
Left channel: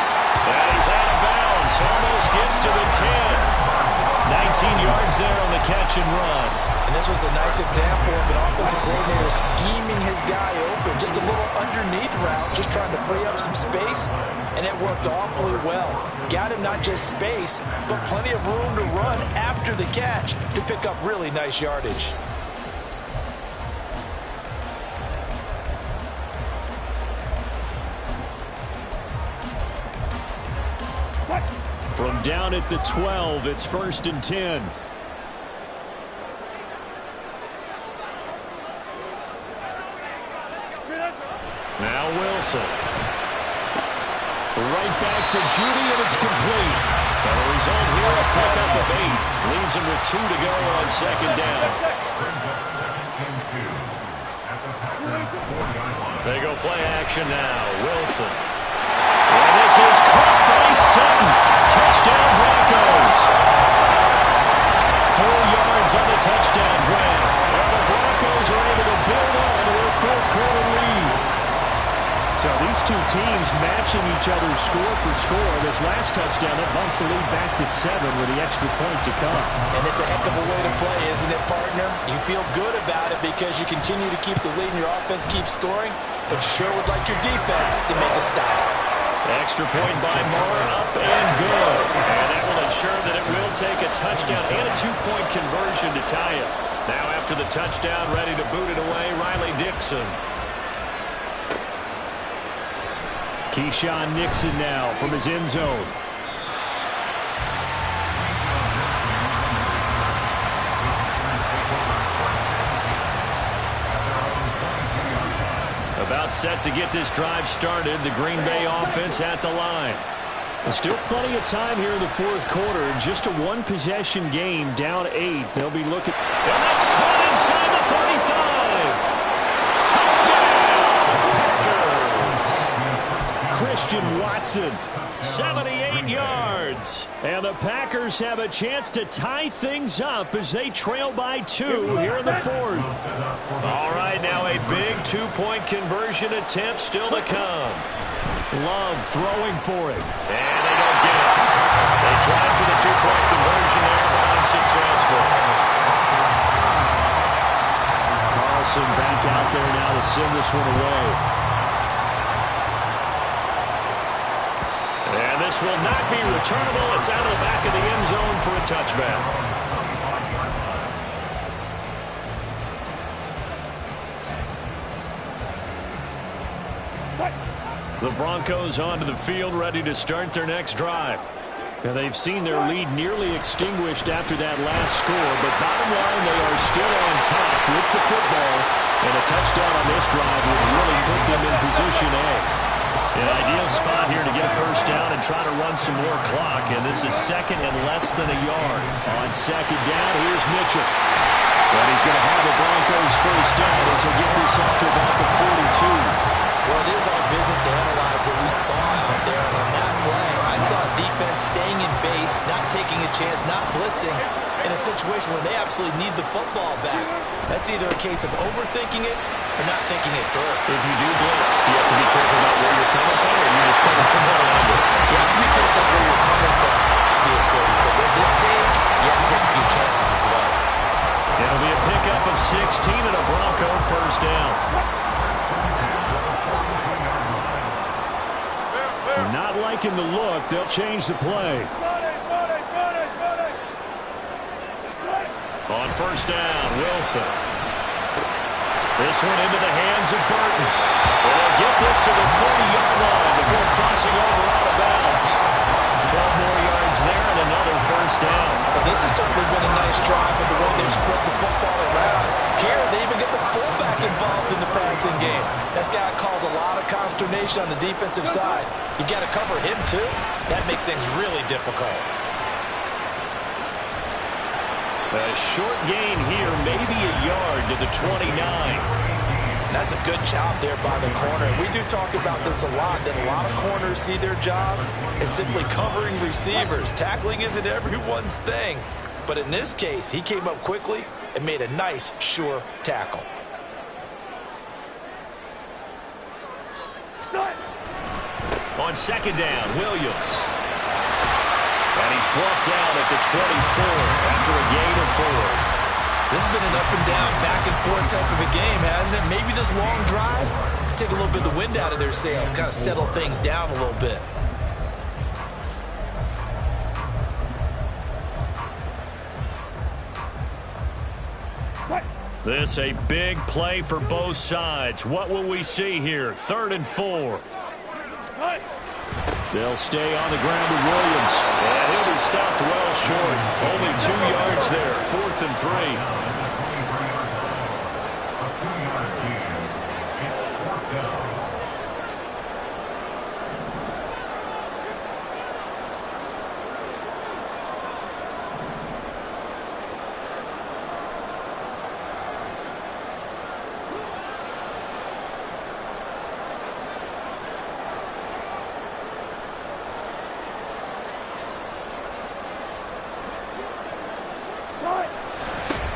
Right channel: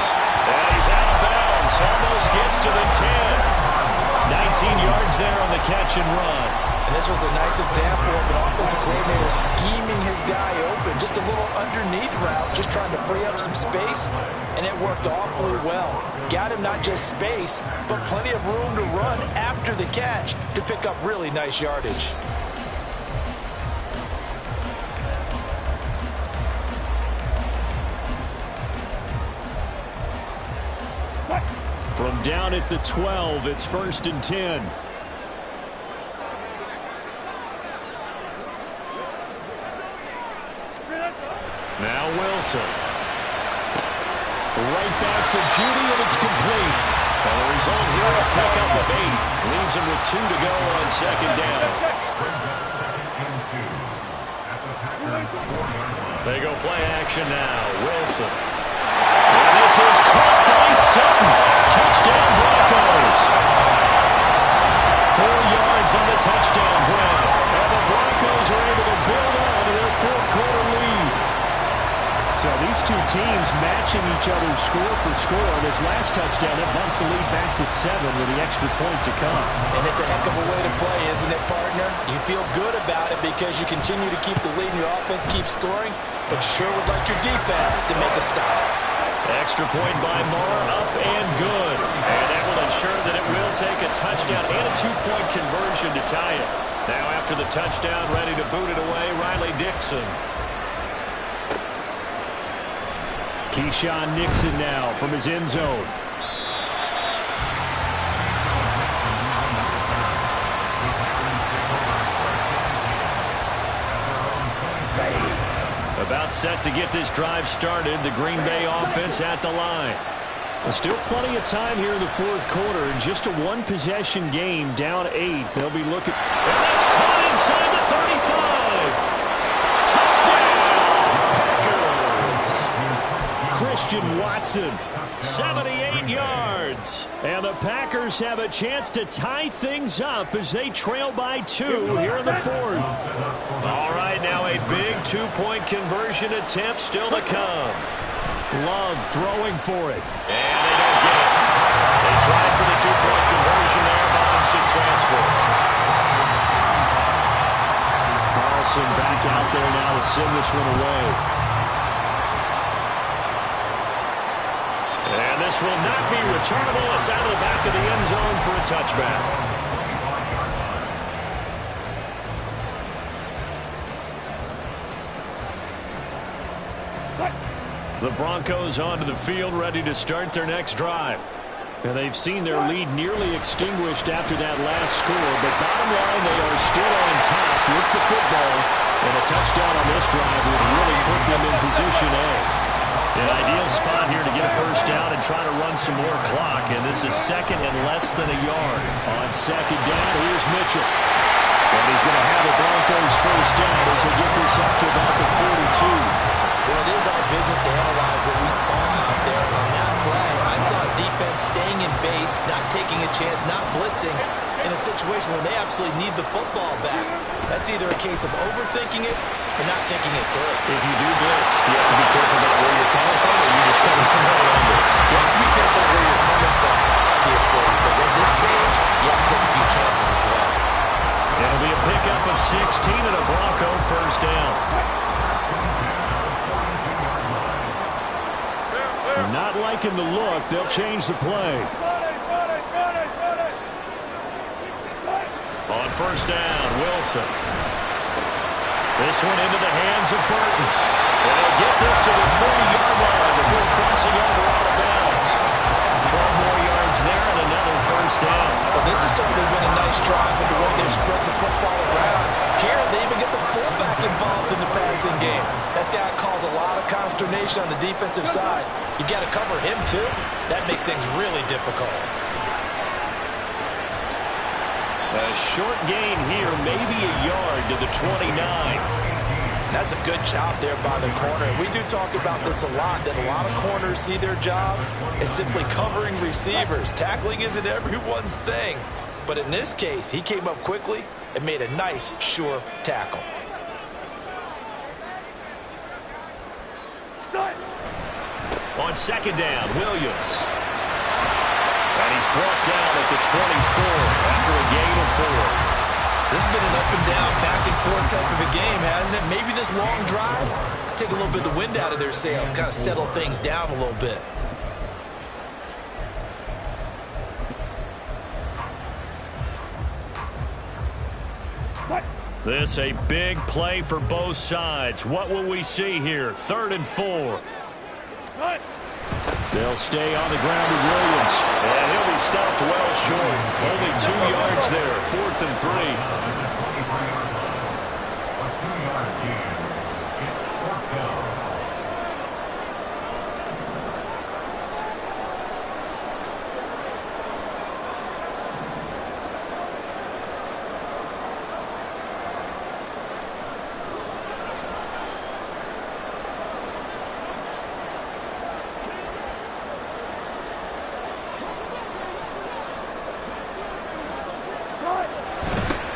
And he's out of bounds. Almost gets to the 10. 19 yards there on the catch and run. And this was a nice example of an offensive coordinator scheming his guy open. Just a little underneath route, just trying to free up some space. And it worked awfully well. Got him not just space, but plenty of room to run after the catch to pick up really nice yardage. From down at the 12, it's 1st and 10. Now Wilson. Right back to Jeudy, and it's complete. And the result here, a pickup of 8. Leaves him with 2 to go on 2nd down. Brings up 2nd and 2 at the Packers' 40-yard line. They go play action now. Wilson. And this is caught by Sutton. Touchdown Broncos. 4 yards on the touchdown grab. And the Broncos are able to build on to their 4th quarter lead. So these two teams matching each other's score for score. This last touchdown, that bumps the lead back to 7 with the extra point to come. And it's a heck of a way to play, isn't it, partner? You feel good about it because you continue to keep the lead and your offense keeps scoring, but you sure would like your defense to make a stop. Extra point by Moore, up and good. And that will ensure that it will take a touchdown and a 2-point conversion to tie it. Now after the touchdown, ready to boot it away, Riley Dixon. Keyshawn Nixon now from his end zone. About set to get this drive started. The Green Bay offense at the line. Still plenty of time here in the 4th quarter. Just a 1-possession game, down 8. They'll be looking. And that's caught inside the 35. Touchdown, Packers. Christian Watson, 78 yards. And the Packers have a chance to tie things up as they trail by 2 here in the 4th. All right, now a big 2-point conversion attempt still to come. Love throwing for it. And they don't get it. They tried for the 2-point conversion there, but unsuccessful. Carlson back out there now to send this one away. this will not be returnable. It's out of the back of the end zone for a touchback. The Broncos onto the field, ready to start their next drive. And they've seen their lead nearly extinguished after that last score, but bottom line, they are still on top with the football, and a touchdown on this drive would really put them in position A. An ideal spot here to get a first down and try to run some more clock, and this is second and less than a yard. On second down, here's Mitchell. And he's going to have a Broncos first down as he'll get this up to about the 42. Well, it is our business to analyze what we saw out there. And on that play, I saw a defense staying in base, not taking a chance, not blitzing in a situation where they absolutely need the football back. That's either a case of overthinking it or not thinking it through. If you do blitz, do you have to be careful about where you're coming from, or you're just coming from all angles? You have to be careful where you're coming from, obviously. But at this stage, you have to take a few chances as well. It'll be a pickup of 16 and a Bronco first down. Not liking the look. They'll change the play. On first down, Wilson. This one into the hands of Burton. And they'll get this to the 30-yard line before crossing over out of bounds. 12 more yards there and another first down. Well, this has certainly been a nice drive with the way they've spread the football around. Here, they even get the fullback involved in the passing game. That's got to cause a lot of consternation on the defensive side. You've got to cover him, too. That makes things really difficult. A short gain here, maybe a yard to the 29. That's a good job there by the corner. We do talk about this a lot, that a lot of corners see their job as simply covering receivers. Tackling isn't everyone's thing. But in this case, he came up quickly and made a nice, sure tackle. On second down, Williams. And he's brought down at the 24 after a gain of 4. This has been an up and down, back and forth type of a game, hasn't it? Maybe this long drive could take a little bit of the wind out of their sails, kind of settle things down a little bit. This a big play for both sides. What will we see here? 3rd and 4. They'll stay on the ground with Williams. And he'll be stopped well short. Only 2 yards there. 4th and 3. A 2-yard gain. It's 4th down.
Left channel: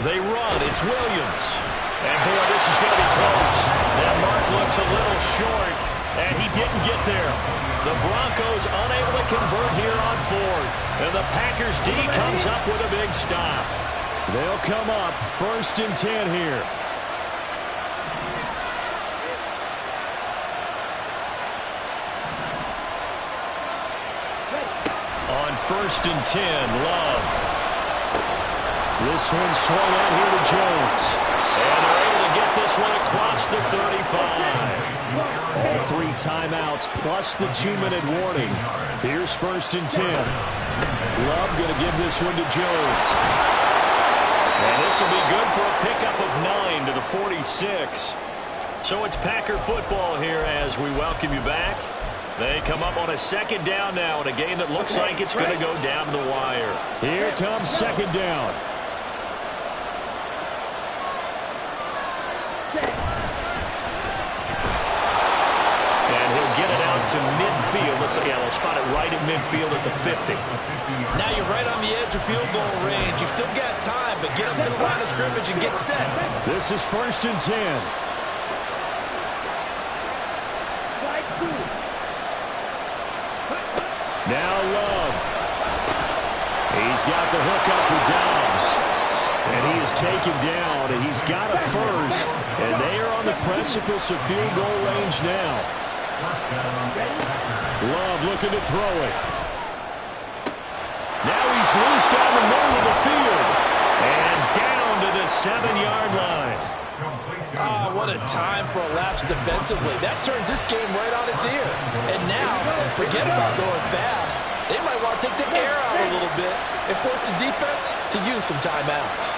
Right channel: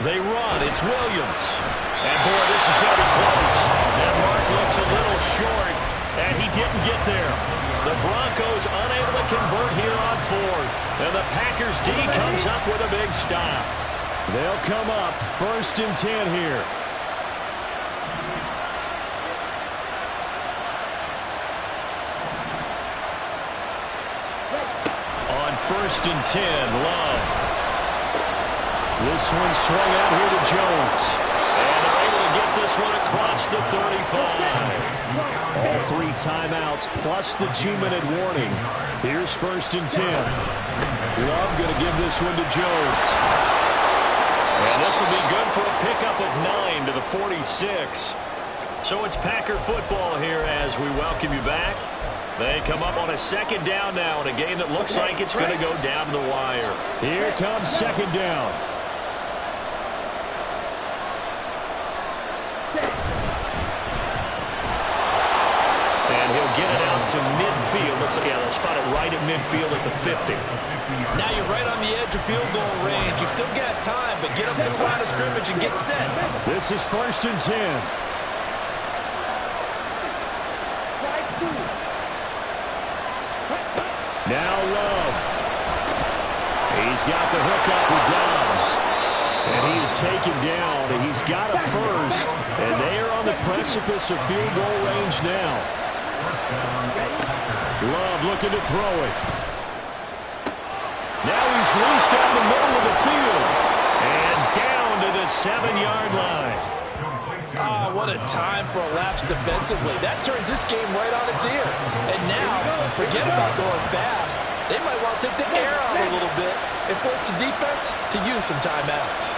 They run. It's Williams. And, boy, this is going to be close. That mark looks a little short, and he didn't get there. The Broncos unable to convert here on 4th. And the Packers D comes up with a big stop. They'll come up 1st and 10 here. On 1st and 10, Love. This one swung out here to Jones. And they're able to get this one across the 35. All 3 timeouts plus the 2-minute warning. Here's 1st and 10. Love going to give this one to Jones. And this will be good for a pickup of 9 to the 46. So it's Packer football here as we welcome you back. They come up on a 2nd down now in a game that looks like it's going to go down to the wire. Here comes 2nd down. And he'll get it out to midfield. Let's say, yeah, they'll spot it right at midfield at the 50. Now you're right on the edge of field goal range. You've still got time, but get up to the line of scrimmage and get set. This is 1st and 10. Now Love. He's got the hook up with Dobbs. And he is taken down. He's got a first. And they are on the precipice of field goal range now. Love looking to throw it. Now he's loose down the middle of the field. And down to the 7-yard line. Oh, what a time for a lapse defensively. That turns this game right on its ear. And now, forget about going fast. They might want to take the air out a little bit and force the defense to use some timeouts.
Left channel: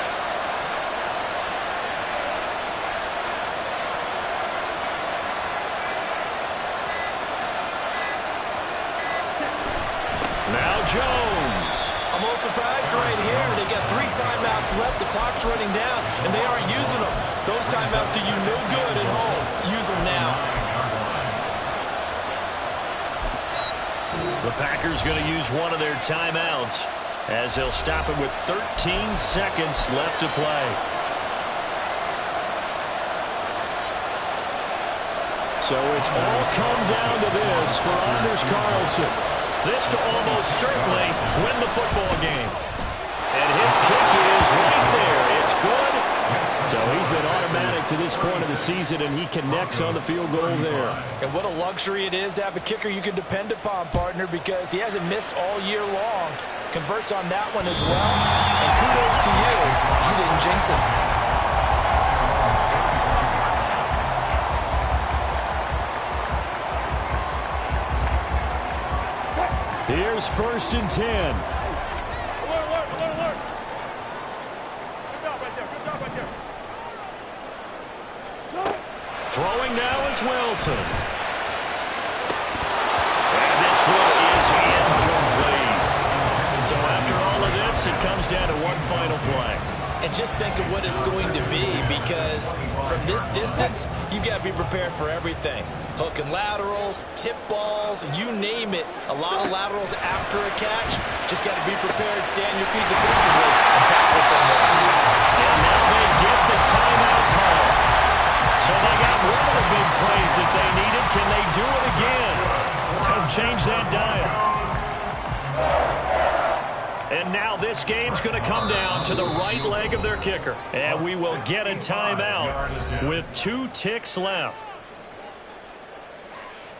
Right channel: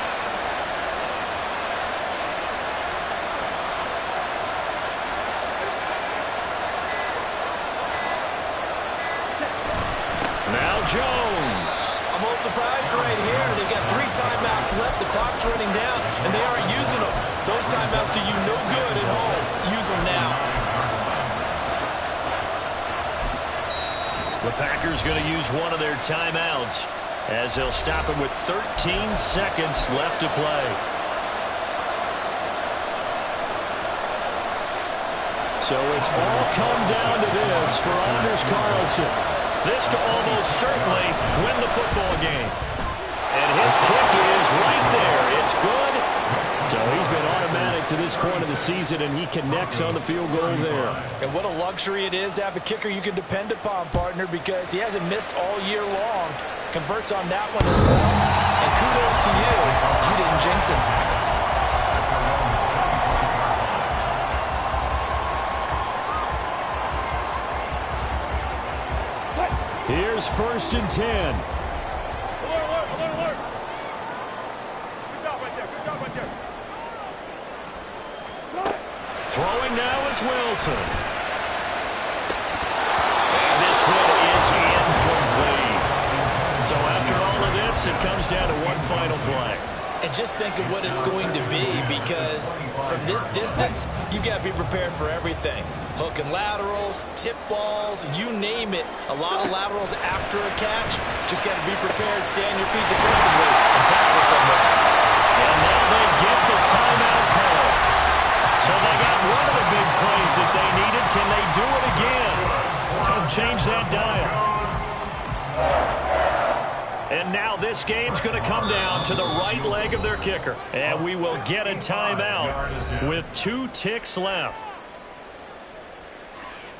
Now Jones. I'm a little surprised right here. They got 3 timeouts left. The clock's running down, and they aren't using them. Those timeouts do you no good at home. Use them now. The Packers going to use one of their timeouts as they'll stop it with 13 seconds left to play. So it's all come down to this for Anders Carlson. This to almost certainly win the football game. And his kick is right there. It's good. So he's been automatic to this point of the season, and he connects on the field goal there. And what a luxury it is to have a kicker you can depend upon, partner, because he hasn't missed all year long. Converts on that one as well. And kudos to you. You didn't jinx him. Here's 1st and 10. Alert, alert, alert, alert. Good job right there. Good job right there. Throwing now is Wilson. And this one is incomplete. So after all of this, it comes down to one final play. And just think of what it's going to be, because from this distance, you've got to be prepared for everything. Hook and laterals, tip balls, you name it. A lot of laterals after a catch. Just got to be prepared, stay on your feet defensively, and tackle someone. And now they get the timeout call. So they got one of the big plays that they needed. Can they do it again? Don't change that dial. And now this game's going to come down to the right leg of their kicker. And we will get a timeout with 2 ticks left.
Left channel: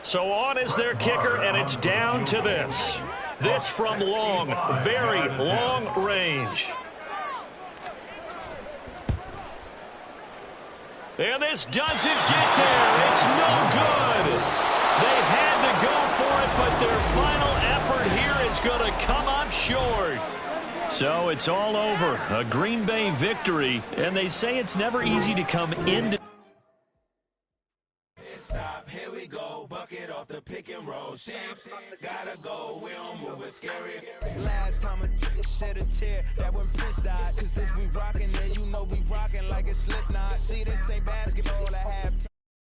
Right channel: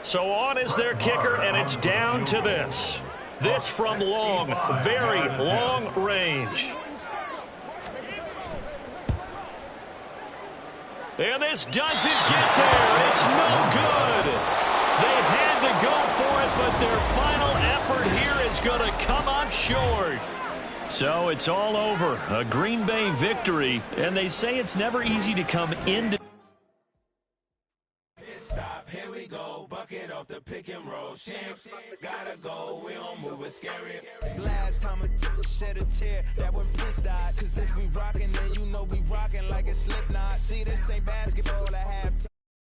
So on is their kicker, and it's down to this. This from long, very long range. And this doesn't get there. It's no good. They had to go for it, but their final effort here is going to come up short. So it's all over. A Green Bay victory, and they say it's never easy to come into. Stop, here we go, bucket off the pick and roll. Gotta go, we don't move it scary. Last time I shed a tear, that when Prince died. Cause if we rockin', then you know we rockin' like a Slipknot. See, this ain't basketball at halftime.